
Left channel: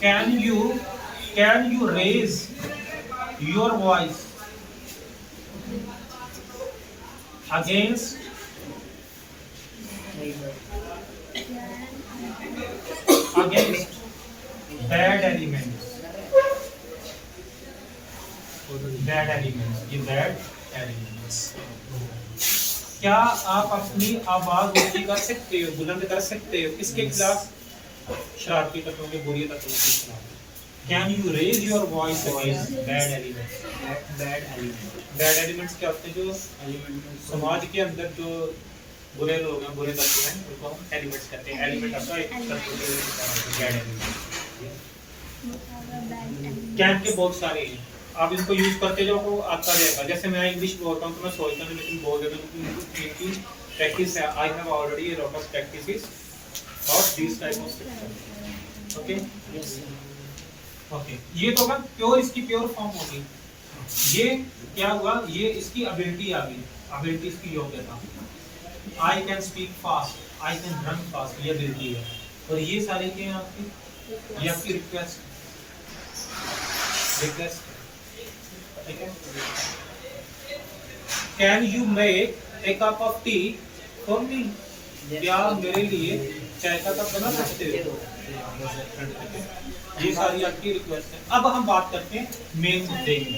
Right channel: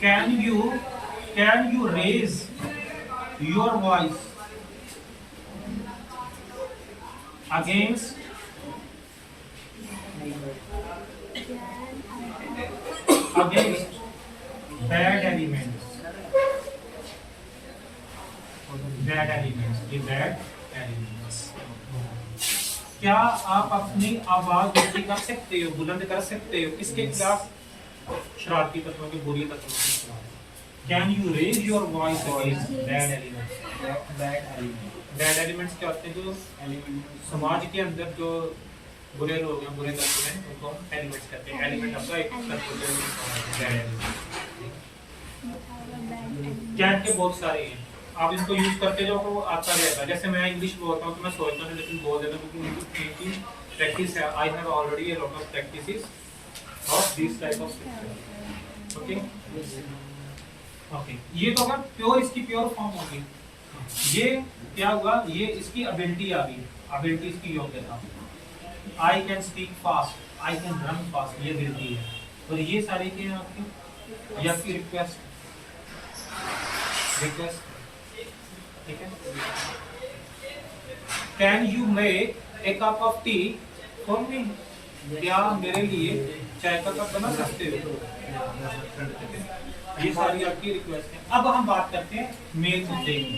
Can you raise your voice against bad elements, bad elements, ये बैड एलिमेंट्स। क्या आप अपनी आवाज ऊंची कर सकते हो, बुलंद कर सकते हो? किसके खिलाफ? शरारती तत्वों के, बुरी तत्वों के खिलाफ। Can you raise your voice against bad elements? Bad element. Bad elements क्या होते हैं? जो एलिमेंट समाज के अंदर जो बुरे लोग हैं, बुरे तत्व हैं, उनको हम एलिमेंट्स कहते हैं। एलिमेंट आपका एक तत्व है, बैड एलिमेंट। कैन के बहुत सारे हैं, आप इसको यूज करते जाओ तो आता जाएगा। जैसे मैं इंग्लिश बोलता हूँ तो मैं सोचता हूँ लेकिन बोल देता हूँ क्योंकि प्रैक्टिस है। I have already a lot of practices of this type of system. Okay, okay, ये तो अगर प्योर, इसकी प्योर फॉर्म होगी। ये क्या हुआ? ये इसकी एबिलिटी आ गई, एबिलिटी इसकी योग्यता। I can speak fast, I can run fast, ये एबिलिटी है। और ये सारे क्या हैं आपकी? ये आपकी रिक्वेस्ट, रिक्वेस्ट, ठीक है। Can you make a cup of T for me, क्या मेरे लिए चाय का कप बना सकते हो। ये सारी आपकी रिक्वेस्ट है। अब हम बात करते हैं मेन मुद्दे की।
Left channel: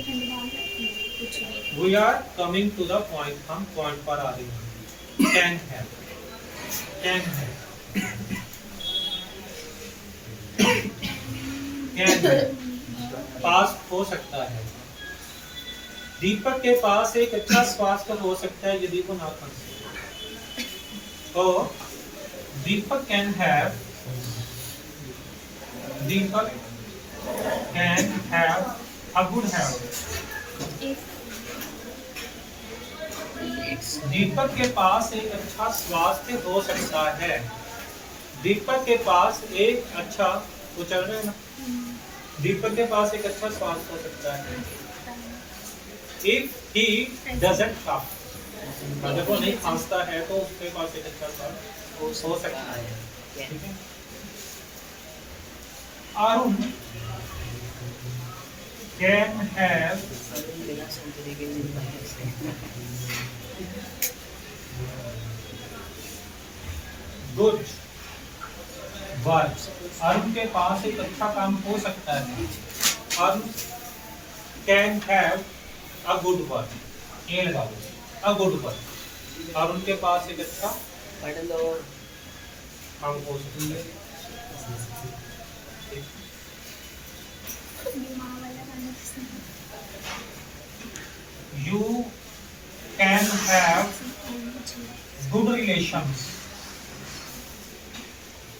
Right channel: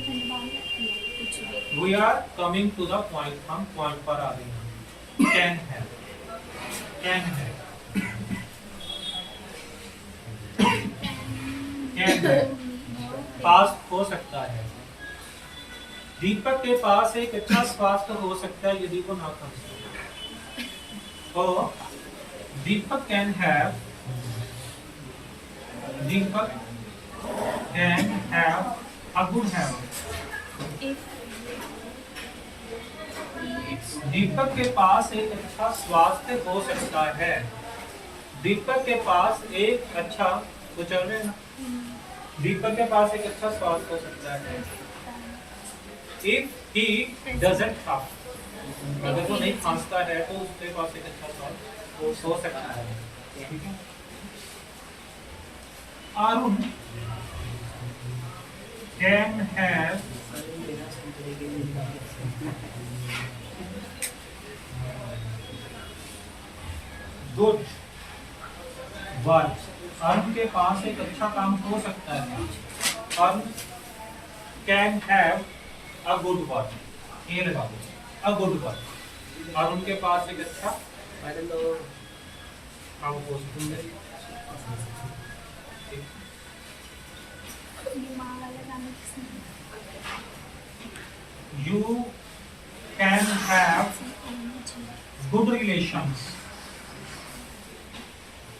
We are coming to the point, हम पॉइंट पर आ रहे हैं। कैन है, कैन है, कैन है, पास हो सकता है। दीपक के पास एक अच्छा स्वास्थ्य हो सकता है यदि वो ना खाए। तो Deepak can have, Deepak can have a good habit. Deepak के पास एक अच्छा स्वास्थ्य हो सकता है। दीपक के पास एक अच्छा, वो चल रहे हैं ना, दीपक के पास एक अच्छा स्वास्थ्य हो सकता है। If he doesn't cough, अगर वो नहीं खांसता है तो उसके पास एक अच्छा स्वास्थ्य हो सकता है। ठीक है। अरुण कैन हैव बिना संतरे के जिंदा है। Good work. अरुण के पास एक अच्छा काम हो सकता है। Arun can have a good work, ये लगा दो, अ गुड वर्क। अरुण के पास एक अच्छा पढ़ लो। काम हो सकता है। माँ वाला गाना किसने You can have good relations,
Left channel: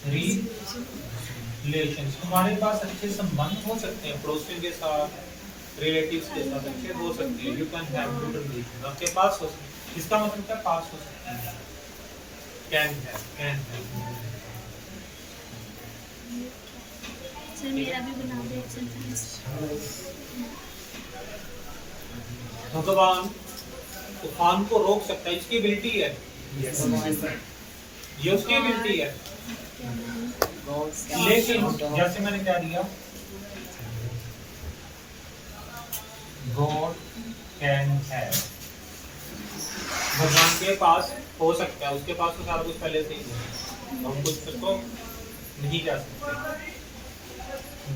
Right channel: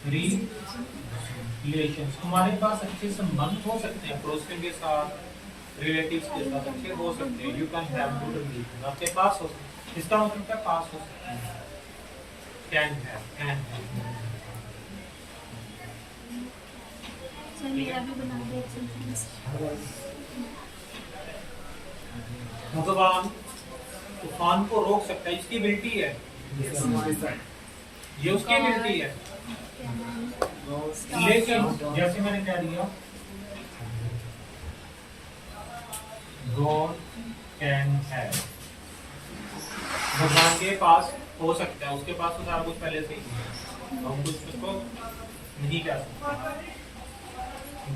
relations। तुम्हारे पास अच्छे संबंध हो सकते हैं पड़ोसियों के साथ, रिलेटिव्स के साथ अच्छे हो सकते हैं। You can have good relation, आपके पास हो सकते हैं। इसका मतलब क्या, पास हो सकते हैं। Can have, can have. Sir मेरा भी बना दो एक सेंटेंस। भगवान तूफान को रोक सकता है, इसकी एबिलिटी है, ये उसकी एबिलिटी है। लेकिन जैसे मैंने क्या दिया, God can have, भगवान के पास हो सकता है, उसके पास तो सारा कुछ पहले से ही है, हम कुछ उसको नहीं जा सकते।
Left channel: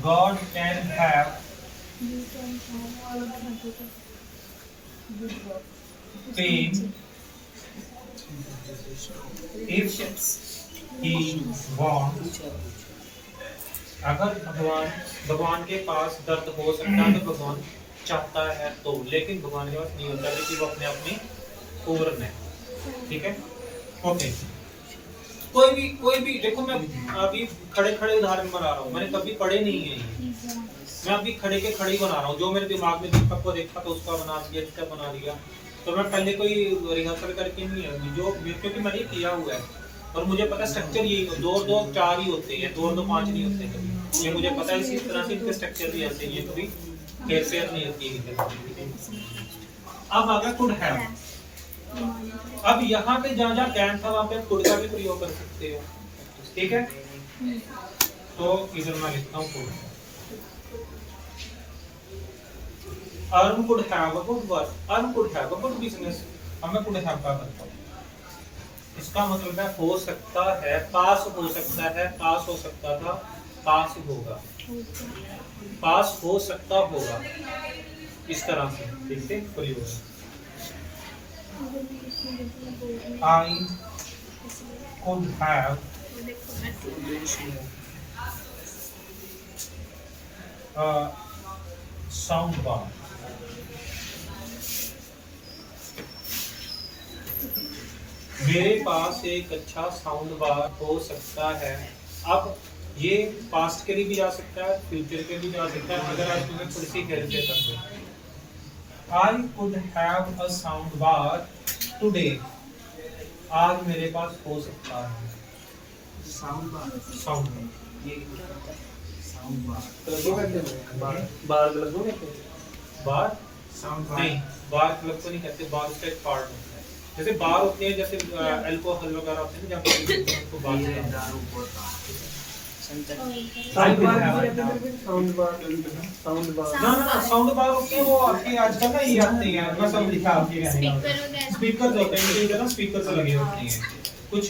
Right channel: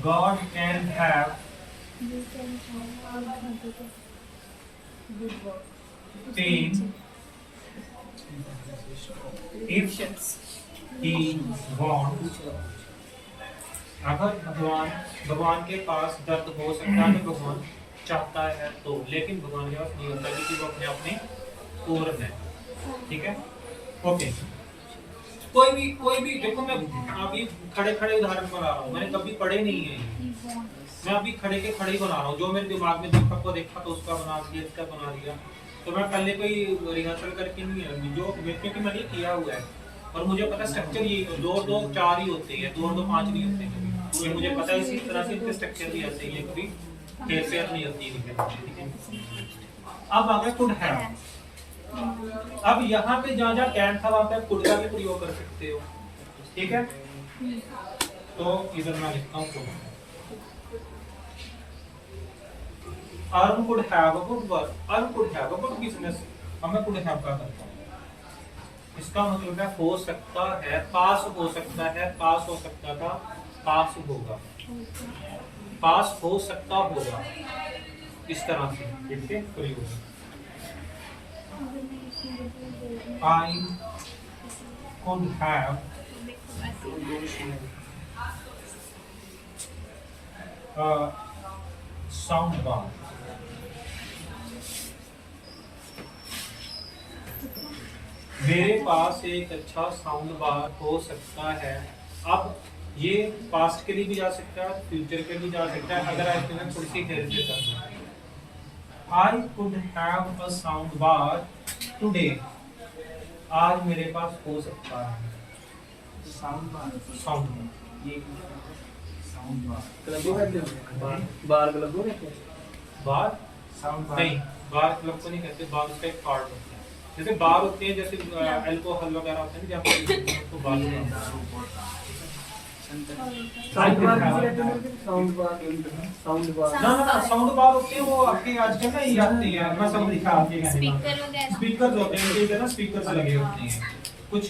God can have You can have good work. pain if he wants। अगर भगवान के पास दर्द हो सकता है, भगवान चाहता है तो, लेकिन भगवान के पास नहीं होता कि वो अपने आप में पूर्ण है। ठीक है, ओके। कोई भी देखो, मैं अभी खड़े खड़े उदाहरण बना रहा हूँ, मैंने कभी पढ़े नहीं है, मैं अभी खड़े के खड़े ही बना रहा हूँ। जो मेरे दिमाग में दीपक को देखा तो उसका बना दिया, इसका बना दिया। तो मैं पहले कोई रिहर्सल करके नहीं है, जो क्योंकि मैंने किया हुआ है और मुझे पता स्ट्रक्चर यही, 2 और 2 4 ही होते हैं, 2 और 2 5 नहीं होते कभी। ये मुझे पता है, इसी तरह से इनके स्ट्रक्चर भी ऐसे ही है, कभी हेरफेर नहीं होती है। अब आगे कुड हैव। अब यहाँ पे जहाँ जहाँ कैन था वहाँ पे कुड का भी प्रयोग कर सकते हो। ठीक है, तो इधर मैं लिखता हूँ could. Arun could have a good work, Arun could have a good business। अब मैं could have का करता हूँ, इसका मतलब है हो सकता है, पास हो सकता है, पास हो सकता था, पास होगा, पास हो सकता होगा, इस तरह से देखते प्रयोग। I could have a sound bar। मेरे पास एक अच्छा साउंड बार हो सकता है। अब ये पास्ट के लिए भी जा सकता है, फ्यूचर के भी जा सकता है। अगर आप तुम्हें थोड़ी सी गहरे से कर I could have a sound bar today. आज मेरे पास हो सकता है साउंड बार, साउंड ये साउंड बार लगो कहते हैं, बार लगो कहते हैं, बार साउंड बार नहीं, बार क्लब को नहीं कहते, बार उसका एक पार्ट होता है। जैसे बार होते हैं, जैसे अल्कोहल वगैरह होते हैं जहाँ पे तो बार ये दारू बोतल sound bar sound bar, sound bar ना साउंड बार होते हैं, वो आपके आजकल ना ये आते हैं, मैं सब लिखा आपके कहने का स्पीकर वगैरह स्पीकर होते हैं, मेरे इधर ना स्पीकर से लगे होते हैं। कुछ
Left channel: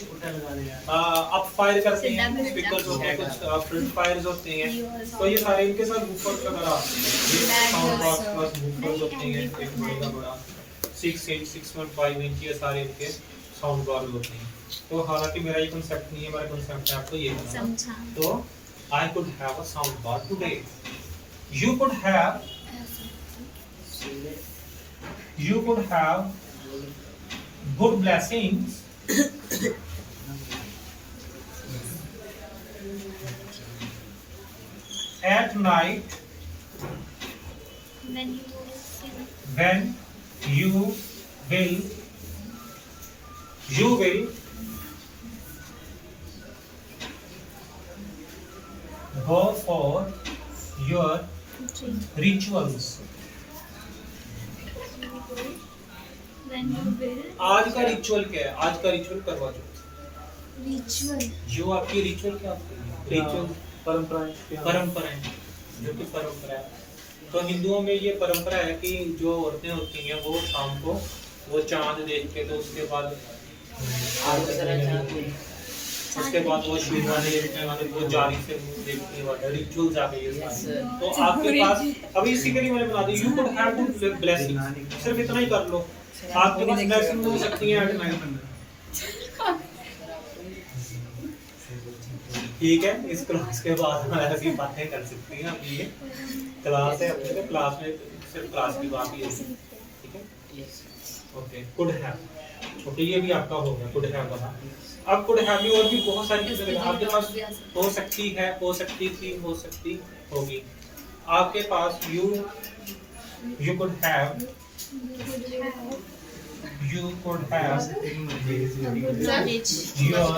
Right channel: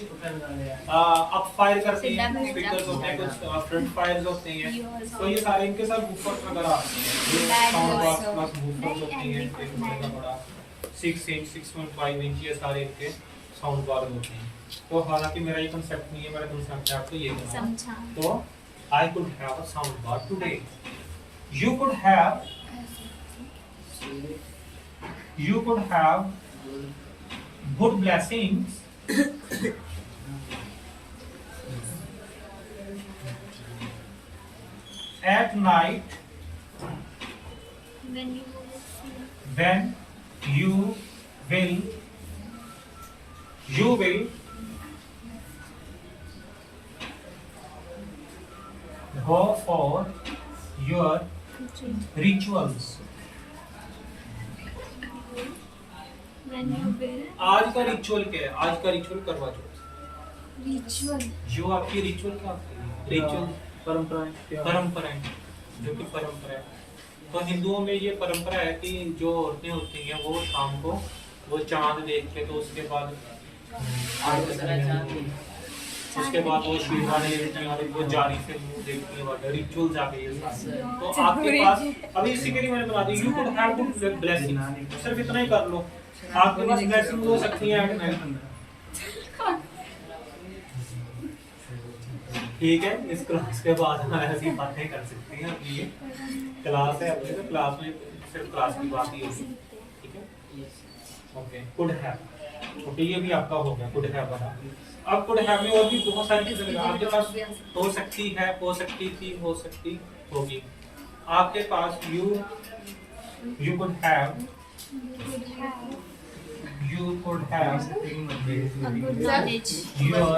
आप फायर करते हैं, स्पीकर्स होते हैं, कुछ फ्रंट फायर्स होते हैं, तो ये सारे इनके साथ वूफर्स वगैरह आते हैं। ये साउंड बॉक्स प्लस वूफर्स होते हैं, एक बड़ा बड़ा 6 इंच 6.5 इंच ये सारे इनके साउंड बार होते हैं। तो हालांकि मेरा ये कांसेप्ट नहीं है, मेरा कांसेप्ट है आपको ये बताना। तो I could have a sound bar today, you could have good blessings at night When you will see. when you will go for your rituals. When you will. आज का रिचुअल क्या है? आज का रिचुअल करवा चौथ। Ritual. जो आपकी ritual क्या होती है? रिचुअल परंपराएं, जो कि परंपरा है। तो हिंदुओं में ये परंपरा है कि जो औरतें होती हैं वो शाम को वो चांद देख के, तो उसके बाद उसके बाद वो शिवाने वो जारी से मुंह देखती है, रिचुअल्स आ गई है सारी। तो आपके पास अभी इसी के लिए मैंने बना दी, you could have good blessing, सिर्फ इतना ही कर लो, आपके पास ब्लेसिंग हो सकती है एट नाइट। ठीक है, इस क्लास के बाद हम ऐसी बातें कर सकते हैं। अपनी ये क्लास है, अपने तो क्लास में सिर्फ क्लास की बात ही होगी। ठीक है, ओके। कुड हैव, ओके, ये भी आपका हो गया कुड हैव वाला। अब कुड हैव में और भी बहुत सारी चीजें आपके पास हो सकती है, हो सकती थी, हो सकती होगी। आपके पास you could have your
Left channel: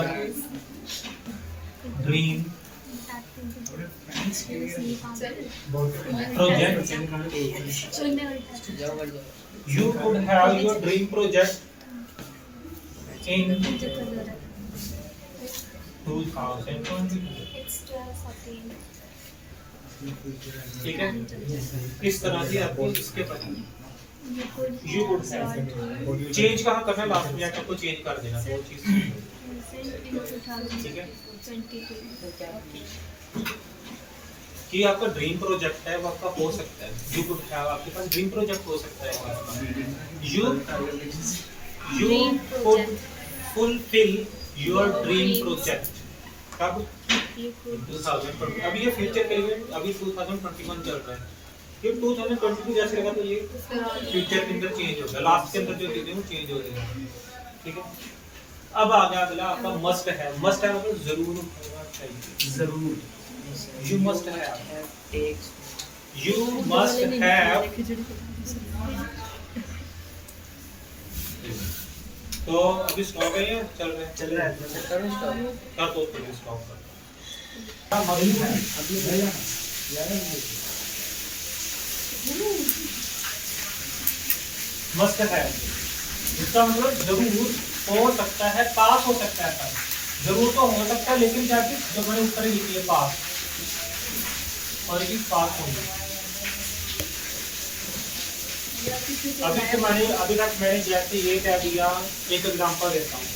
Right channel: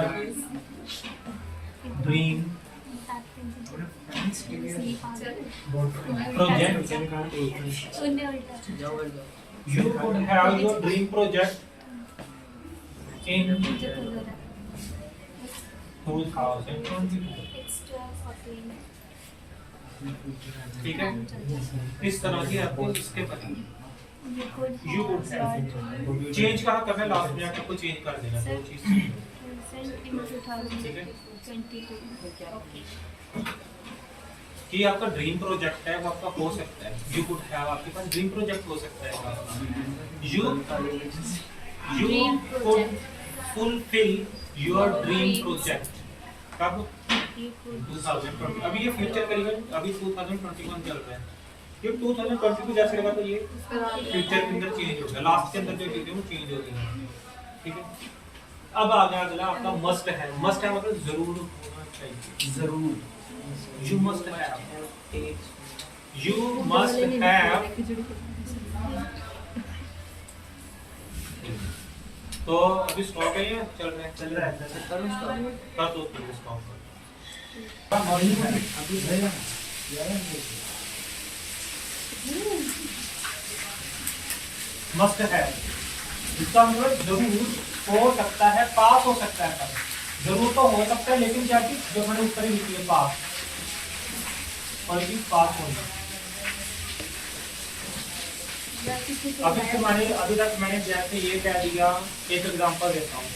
dream project, you could have your dream project in 2022। ठीक है, इस तरह की आपको इसके पता यू कुड हैव चेंज कहाँ करना है, लास्ट में आपको चेंज कर देना दो चीज। ठीक है, कि आपका ड्रीम प्रोजेक्ट है वो आपका हो सकता है, यू कुड हैव आपके पास ड्रीम प्रोजेक्ट हो सकता है। You could fulfil your dream project कब? 2020। अभी ये फ्यूचर के लिए, अभी 2021 चल रहा है, ये 2022 जैसे लगा तो ये फ्यूचर के अंदर चेंज होगा, लास्ट के अंदर जो चीजें वो चेंज हो गई। ठीक है, अब आ गया अगला आपका मस्ट है। मस्ट है मतलब जरूर होना चाहिए, जरूर। You must have. You must have. तो अभी स्टॉप है ये चल रहा है करो स्टॉप कर दो, फिर स्टॉप कर। मस्ट है, इसका मतलब जरूर हो सकता है, पास हो सकता है, जरूर तो हो सकता है, लेकिन क्या चीज जो मैंने उत्तर ही लिखी है पास, और ये पास होगा। अभी तक मैंने जैसे ये कह दिया, एक एग्जांपल देता हूँ,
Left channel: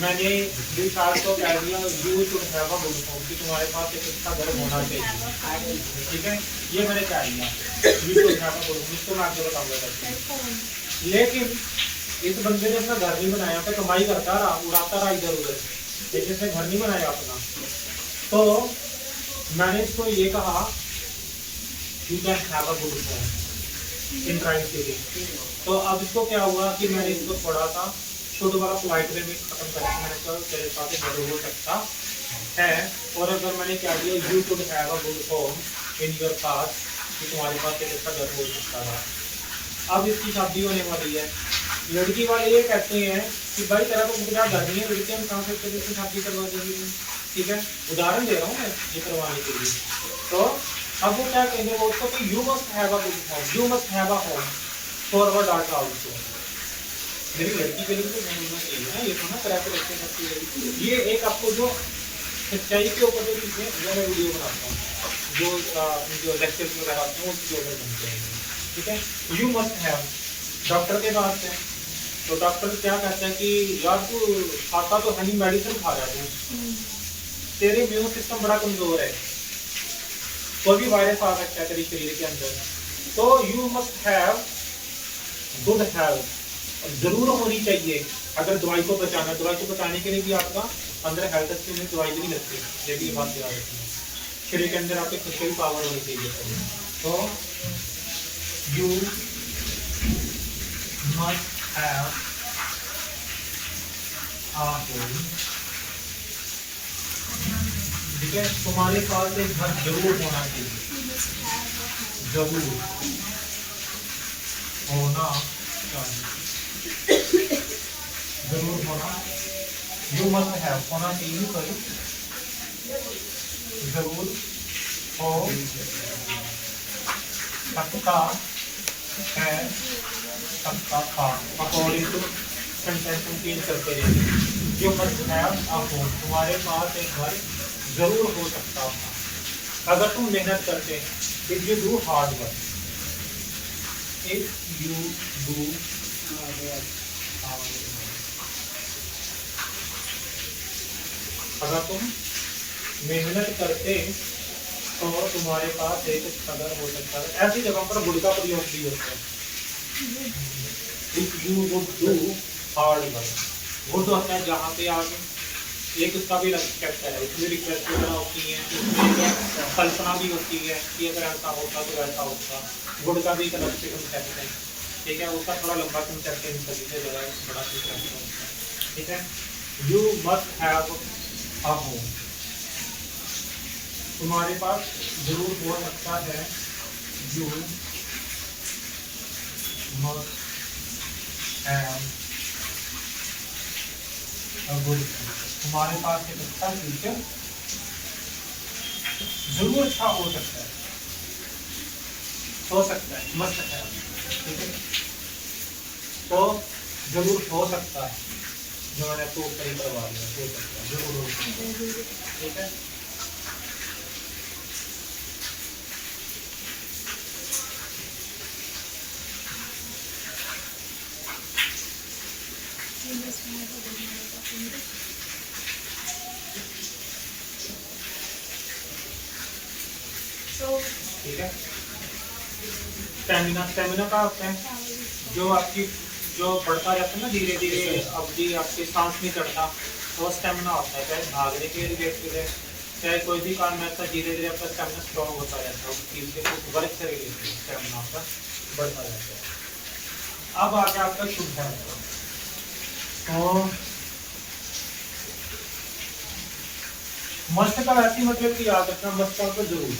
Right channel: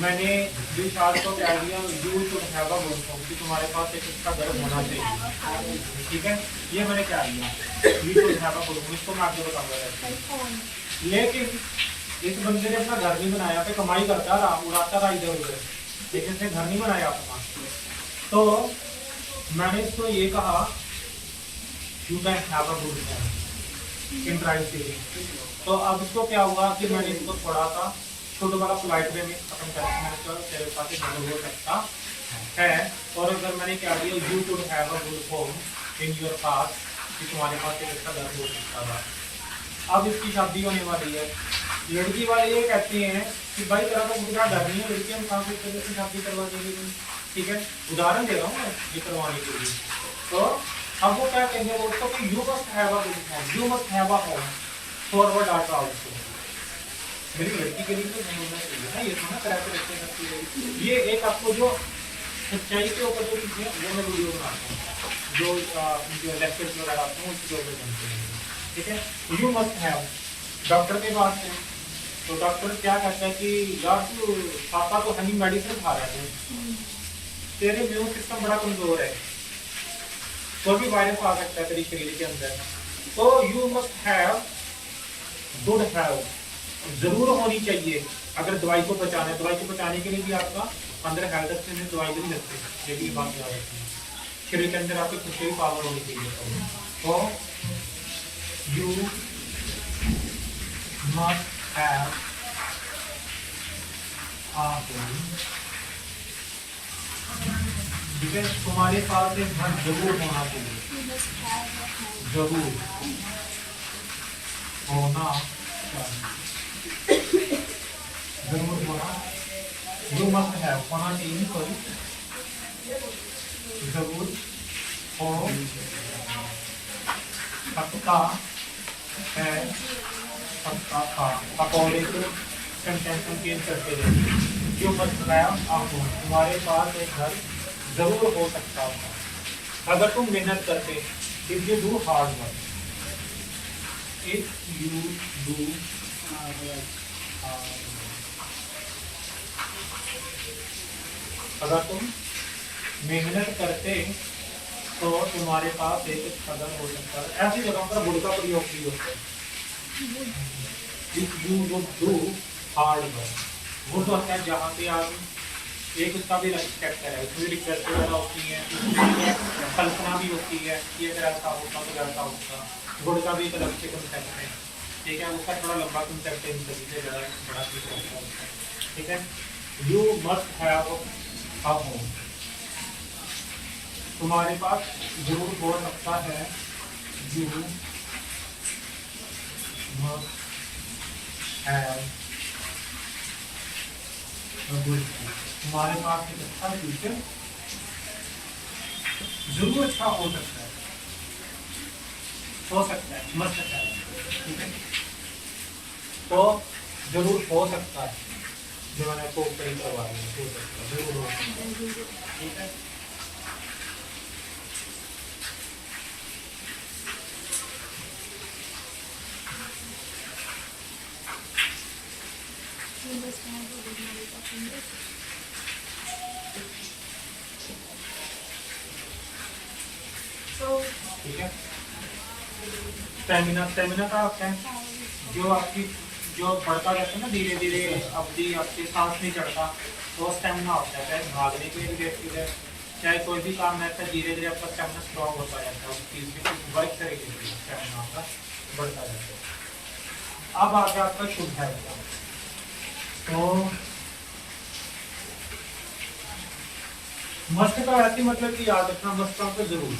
मैंने विशाल को कह दिया you should have a good home, कि तुम्हारे पास एक अच्छा घर होना चाहिए। ठीक है, ये मैंने कह दिया you should have a good home, इसको मैं आगे बताऊंगा। लेकिन इस बंदे ने अपना घर नहीं बनाया, तो कमाई करता रहा, उड़ाता रहा इधर उधर, लेकिन इसने घर नहीं बनाया अपना। तो मैंने इसको ये कहा you can have a good home in right thinking. तो अब इसको क्या हुआ कि मैंने इसको थोड़ा सा शुड वाला पोलाइट वे में खत्म करके मैंने इसको तेरे पास एक घर हो सकता है, और अगर मैंने क्या दिया you should have a good home in your पास, कि तुम्हारे पास एक अच्छा घर हो सकता है। अब इसकी शादी होने वाली है, लड़की वाले ये कहते हैं कि भाई तेरा तो मुझे घर नहीं है, लड़की हम कहाँ से तेरे से शादी करवा देंगे। ठीक है, उदाहरण दे रहा हूँ मैं ये करवाने के लिए। तो अब वो क्या कहेंगे, वो उसको कि you must have a good home, you must have a home for our daughter also. मेरी लड़की के लिए तो नहीं होना चाहिए ना, ये थोड़ा कराए के रखते हैं। ये एक आपको जो सच्चाई के ऊपर जो चीज़ें वो मैं वीडियो बनाता हूँ, जो लेक्चर में लगाता हूँ उसके ऊपर बनते हैं। ठीक है, यू मस्ट हैव, डॉक्टर के पास है तो डॉक्टर क्या कहते हैं कि यार तू खाता तो है नहीं, मेडिसिन खा रहा है, तेरे इम्यून सिस्टम बड़ा कमजोर है, कोई भी वायरस आ सकता है तेरे शरीर के अंदर, तो you must have good health, जरूर होनी चाहिए। अगर दवाई को बचाना है, दवाई को बचाने के लिए भी आपका अंदर हेल्थ अच्छी होनी, दवाई भी नहीं लगती, ये भी बात याद रखनी है। शरीर के अंदर आपकी खुद की पावर होनी चाहिए। तो यू मस्ट हैव ठीक है, तुम्हारे पास एक घर जरूर होना चाहिए, जरूर होना चाहिए, जरूर होना, यू मस्ट हैव होना चाहिए, सॉरी जरूर हो सकता है, सकता था, अकॉर्डिंग टू सेंटेंस को चेंज करते रहे। You must have a home, तुम्हारे पास एक घर जरूर हो सकता था अगर तुम मेहनत करते, if you do hard work, if you do hard work, अगर तुम मेहनत करते तो तुम्हारे पास एक खबर हो सकता है। ऐसी जगह पर गुड का प्रयोग भी होता है, if you would do hard work, good होता है जहाँ पे आप एक उसका भी रिस्पेक्ट है, उसमें रिक्वेस्ट वगैरह होती है, उसमें कल्पना भी होती है कि अगर ऐसा होता तो ऐसा होता, गुड का भी एक अलग से कंसेप्ट है, ठीक है, उसका थोड़ा लंबा कंसेप्ट है, इन सभी से ज़्यादा बड़ा कंसेप्ट है, ठीक है। You must have a home, तुम्हारे पास जरूर हो सकता है, you must have a good, तुम्हारे पास एक अच्छा फ्यूचर जरूर अच्छा हो सकता है, मस्ट है, ठीक है, तो जरूर हो सकता है, जो मैंने आपको कहीं करवा दिया, हो सकता है, जरूर हो सकता है, ठीक है। ठीक है, स्टेमिना, स्टेमिना का क्या है, जो आपकी जो बढ़ता जाता है ना धीरे धीरे, अवधि आपकी सांस नहीं चढ़ता, वो स्टेमिना होता है, चाहे भागने के रिलेटेड है, चाहे कोई भी काम है, धीरे धीरे आपका स्टेमिना स्ट्रॉन्ग होता जाता है, उस चीज़ के कुछ वर्क से रिलेटेड स्टेमिना आपका बढ़ता जाता है। अब आ गया आपका शुद्ध है, तो मस्ट का ऐसी मतलब कि याद रखना, मस्ट का तो जरूर,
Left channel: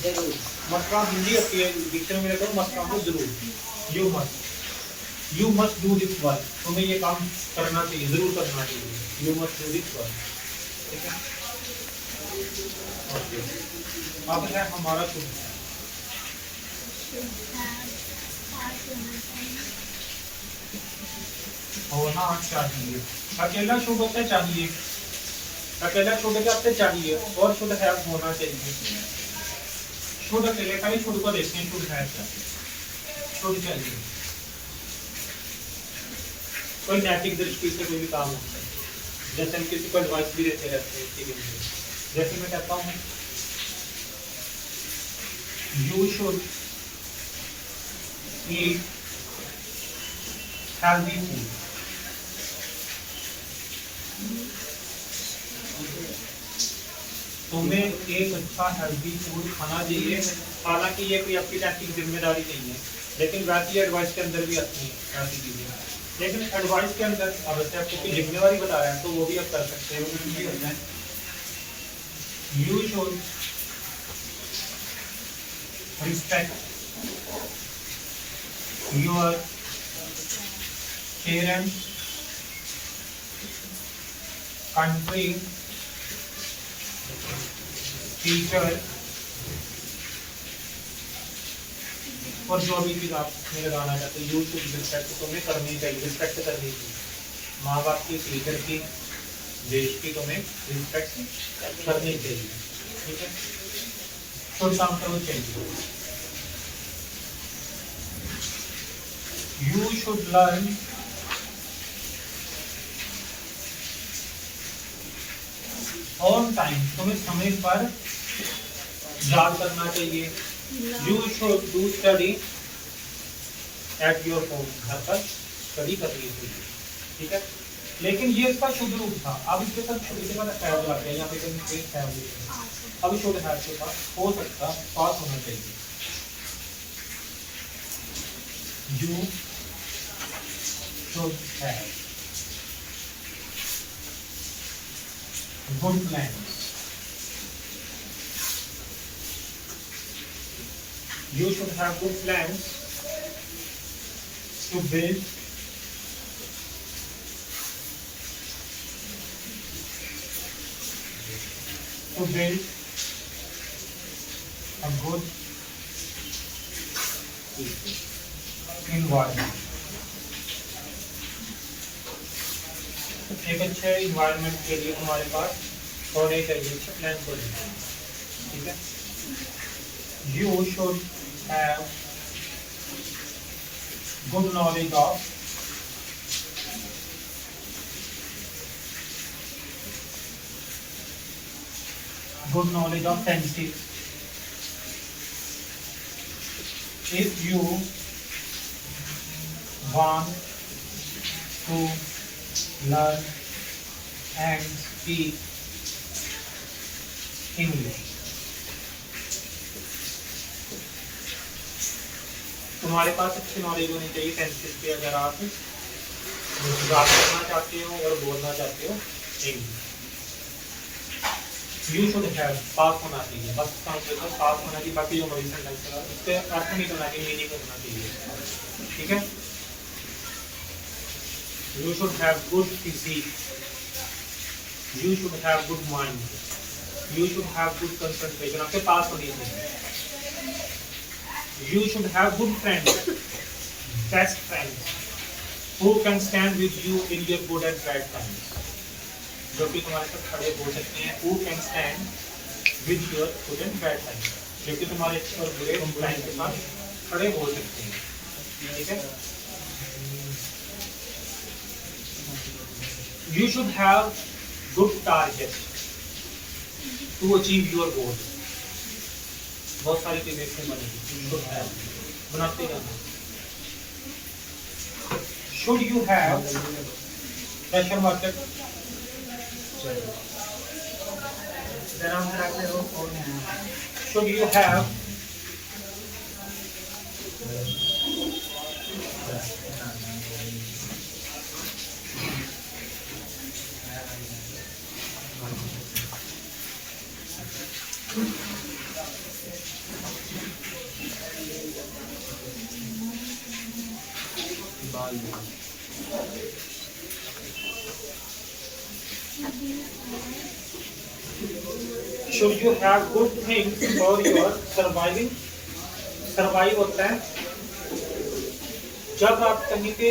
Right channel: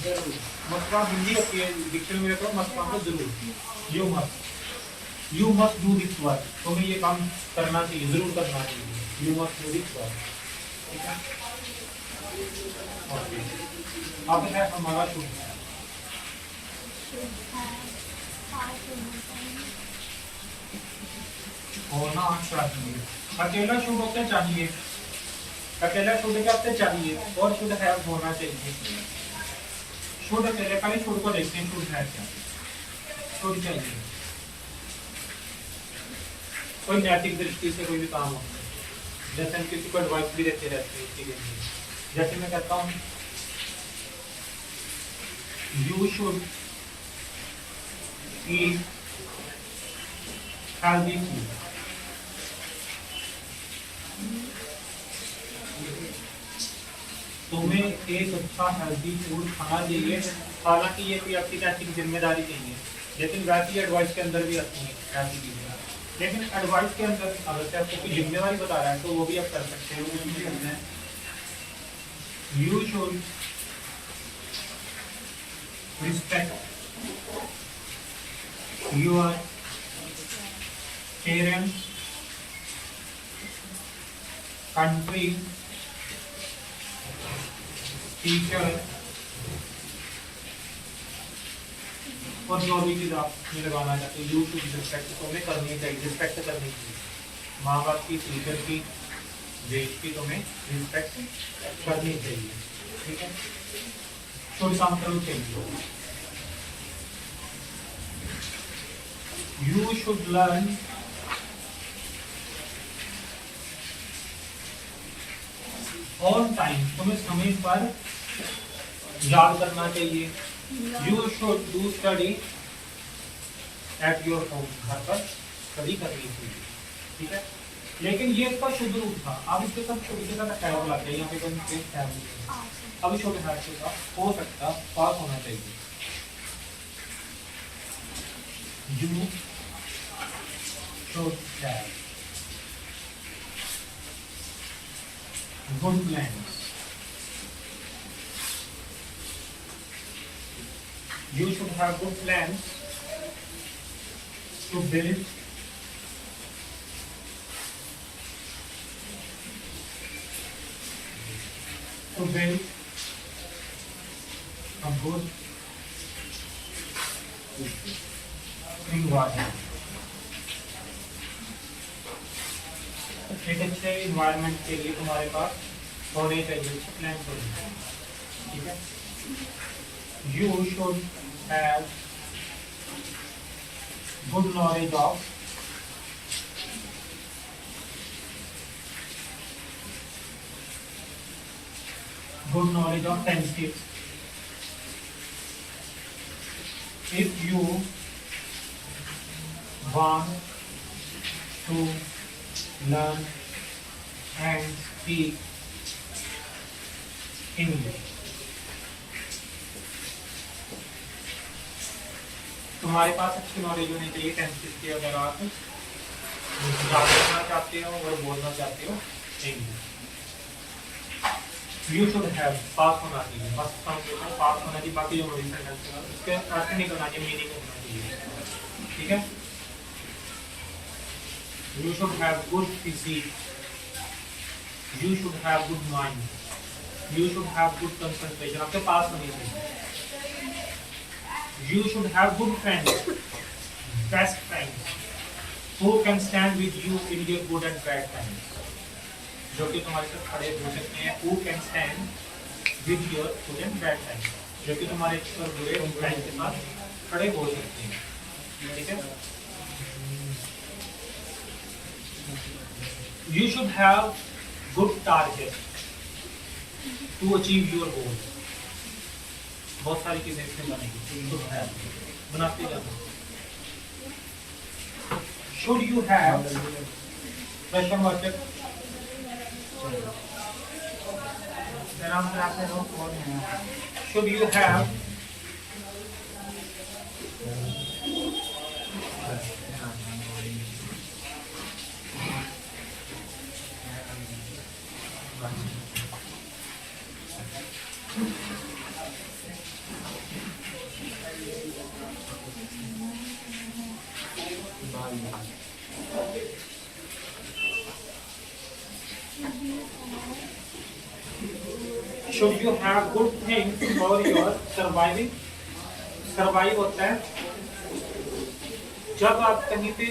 मस्ट का हिंदी होती है, डिक्शनरी में तो मस्ट का तो जरूर, you must do this work, तुम्हें ये काम करना चाहिए, जरूर करना चाहिए, you must do this work, ठीक है। ओके, अब है हमारा शुद्ध है, होना चाहिए, अकेला शुद्ध होता चाहिए, अकेला शुद्ध क्या आपसे चाहिए, और शुद्ध है होना चाहिए, शुद्ध अकेले खाली शुद्ध को देखते हैं, शुद्ध है क्या, शुद्ध चाहिए, कोई नैतिक दृष्टि से कोई भी काम होता है, जैसे हम किसी को एडवाइस भी देते रहते हैं, ठीक है, जैसे मैं कहता हूँ you should eat healthy food, तुम्हें एक अच्छा हेल्दी फूड खाना चाहिए, हालांकि ये कोई आपकी नैतिक जिम्मेदारी नहीं है, लेकिन वैसी एडवाइस के अंदर भी आती है ऐसी चीजें, लेकिन एडवाइस के अंदर अगर आपको कोई जिम्मेदारी बता रहे हैं तो वो भी आप कर सकते हैं, वो भी करना है। You should respect your parents, country, teacher, और जो भी चीज़ आप में लगाना चाहते हो, यू शुड रिस्पेक्ट, तुम्हें करनी चाहिए, रिस्पेक्ट करनी चाहिए, माँ बाप की, टीचर की, देश की, तुम्हें रिस्पेक्ट करनी चाहिए, ठीक है, शुड काम करो चाहिए। You should learn on time, तुम्हें समय पर याद करना चाहिए। You should do study at your home, घर पर स्टडी करनी चाहिए, ठीक है। लेकिन ये इसका शुद्ध रूप था। अब इसके साथ छोटे से बड़ा हैव लग गया, यहाँ पे कोई मिस्टेक है मुझे। अब छोटे हैव के साथ हो सकता पास होना चाहिए। You should have good plans. You should have good plans to build a good environment. एक अच्छे इन्वायरमेंट के लिए तुम्हारे पास होने चाहिए प्लान को, ठीक है। You should have good knowledge of friendship. If you want to learn and speak English, तुम्हारे पास अच्छी नॉलेज होनी चाहिए फ्रेंडशिप की। अगर आप बात करना चाहते हो और बोलना चाहते हो English. You should have pass होना चाहिए, बस पास होना चाहिए। बाकी जो नॉलेज इसके अर्थ नहीं करना चाहिए, मीनिंग होना चाहिए, ठीक है। You should have good physique, you should have good mind, you should have good concentration. आपके पास होनी चाहिए। You should have good friends, best friends, who can stand with you in your good and bad times. जो कि तुम्हारे साथ खड़े हो सकते हैं। Who can stand with your good and bad times, जो कि तुम्हारे अच्छे और बुरे टाइम के साथ खड़े हो सकते हैं, ठीक है। You should have good targets to achieve your goal. बहुत सारी चीजें इसमें बनेगी, बनाते जाना। Should you have question mark? then I'm happy no phone है। Should you have should you have good things for your surviving? Survive होता है जब आप कहीं पे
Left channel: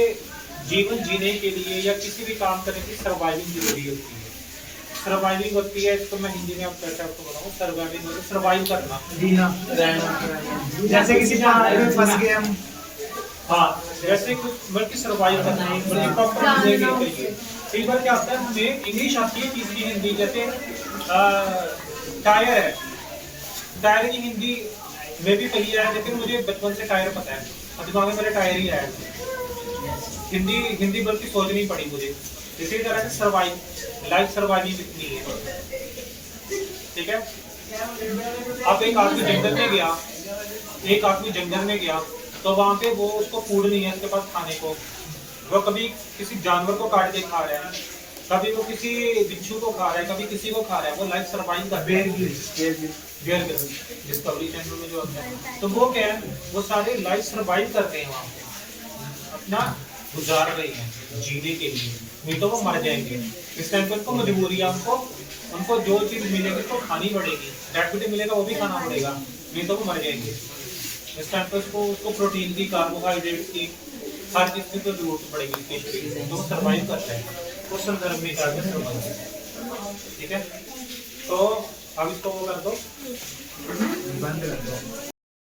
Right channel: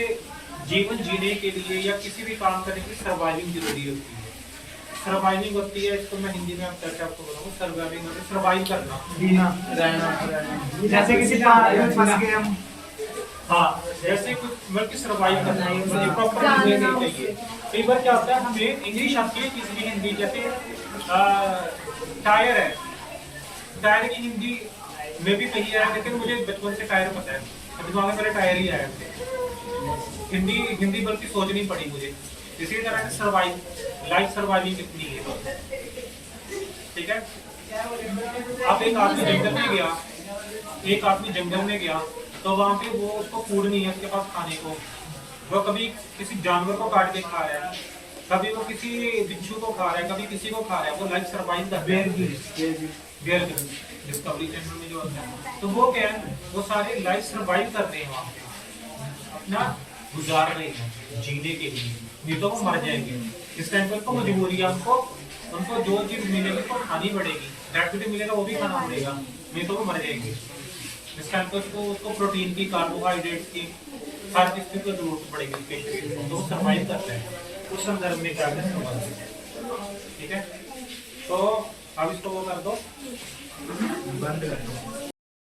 जीवन जीने के लिए या किसी भी काम करने के लिए सर्वाइविंग जरूरी होती है। सर्वाइविंग होती है, इसको मैं हिंदी में आप कैसे आपको बताऊं। सर्वाइविंग होती है सर्वाइव करना, जीना, रहना। जैसे किसी पहाड़ में फंस गए हम, हाँ, जैसे कुछ बल्कि सर्वाइव करना है, मुझे प्रॉपर चीजें नहीं चाहिए। एक बार क्या होता है, हमें इंग्लिश आती है, तीसरी हिंदी, जैसे टायर है, टायर की हिंदी में भी कही है, लेकिन मुझे बचपन से टायर पता है, दिमाग में मेरे टायर ही आया। हिंदी बल्कि सोचनी पड़ी मुझे। इसी तरह से सर्वाइव, लाइफ सर्वाइविंग कितनी है, ठीक है। अब एक आदमी जंगल में गया, तो वहाँ पे वो उसको फूड नहीं है उसके पास खाने को, वो कभी किसी जानवर को काट के खा रहा है, कभी वो किसी बिच्छू को खा रहा है, कभी किसी को खा रहा है। वो लाइफ सर्वाइव कर बेयर डिस्कवरी चैनल में जो होता है, तो वो क्या है, वो सारे लाइफ सर्वाइव कर रहे हैं वहाँ पे, अपना गुजार रहे हैं जीने के लिए, नहीं तो वो मर जाएंगे। इस टाइम पे उनको मजबूरी है, उनको जो चीज मिलेगी तो खानी पड़ेगी, एक्टिविटी मिलेगा वो भी खाना पड़ेगा, नहीं तो वो मर जाएंगे। इस टाइम पे उसको प्रोटीन की, कार्बोहाइड्रेट की, हर चीज की जरूरत पड़ेगी, तो वो सर्वाइव करते हैं। उस संदर्भ में क्या ठीक है। तो अब इसको वो कर दो, बंद कर दो।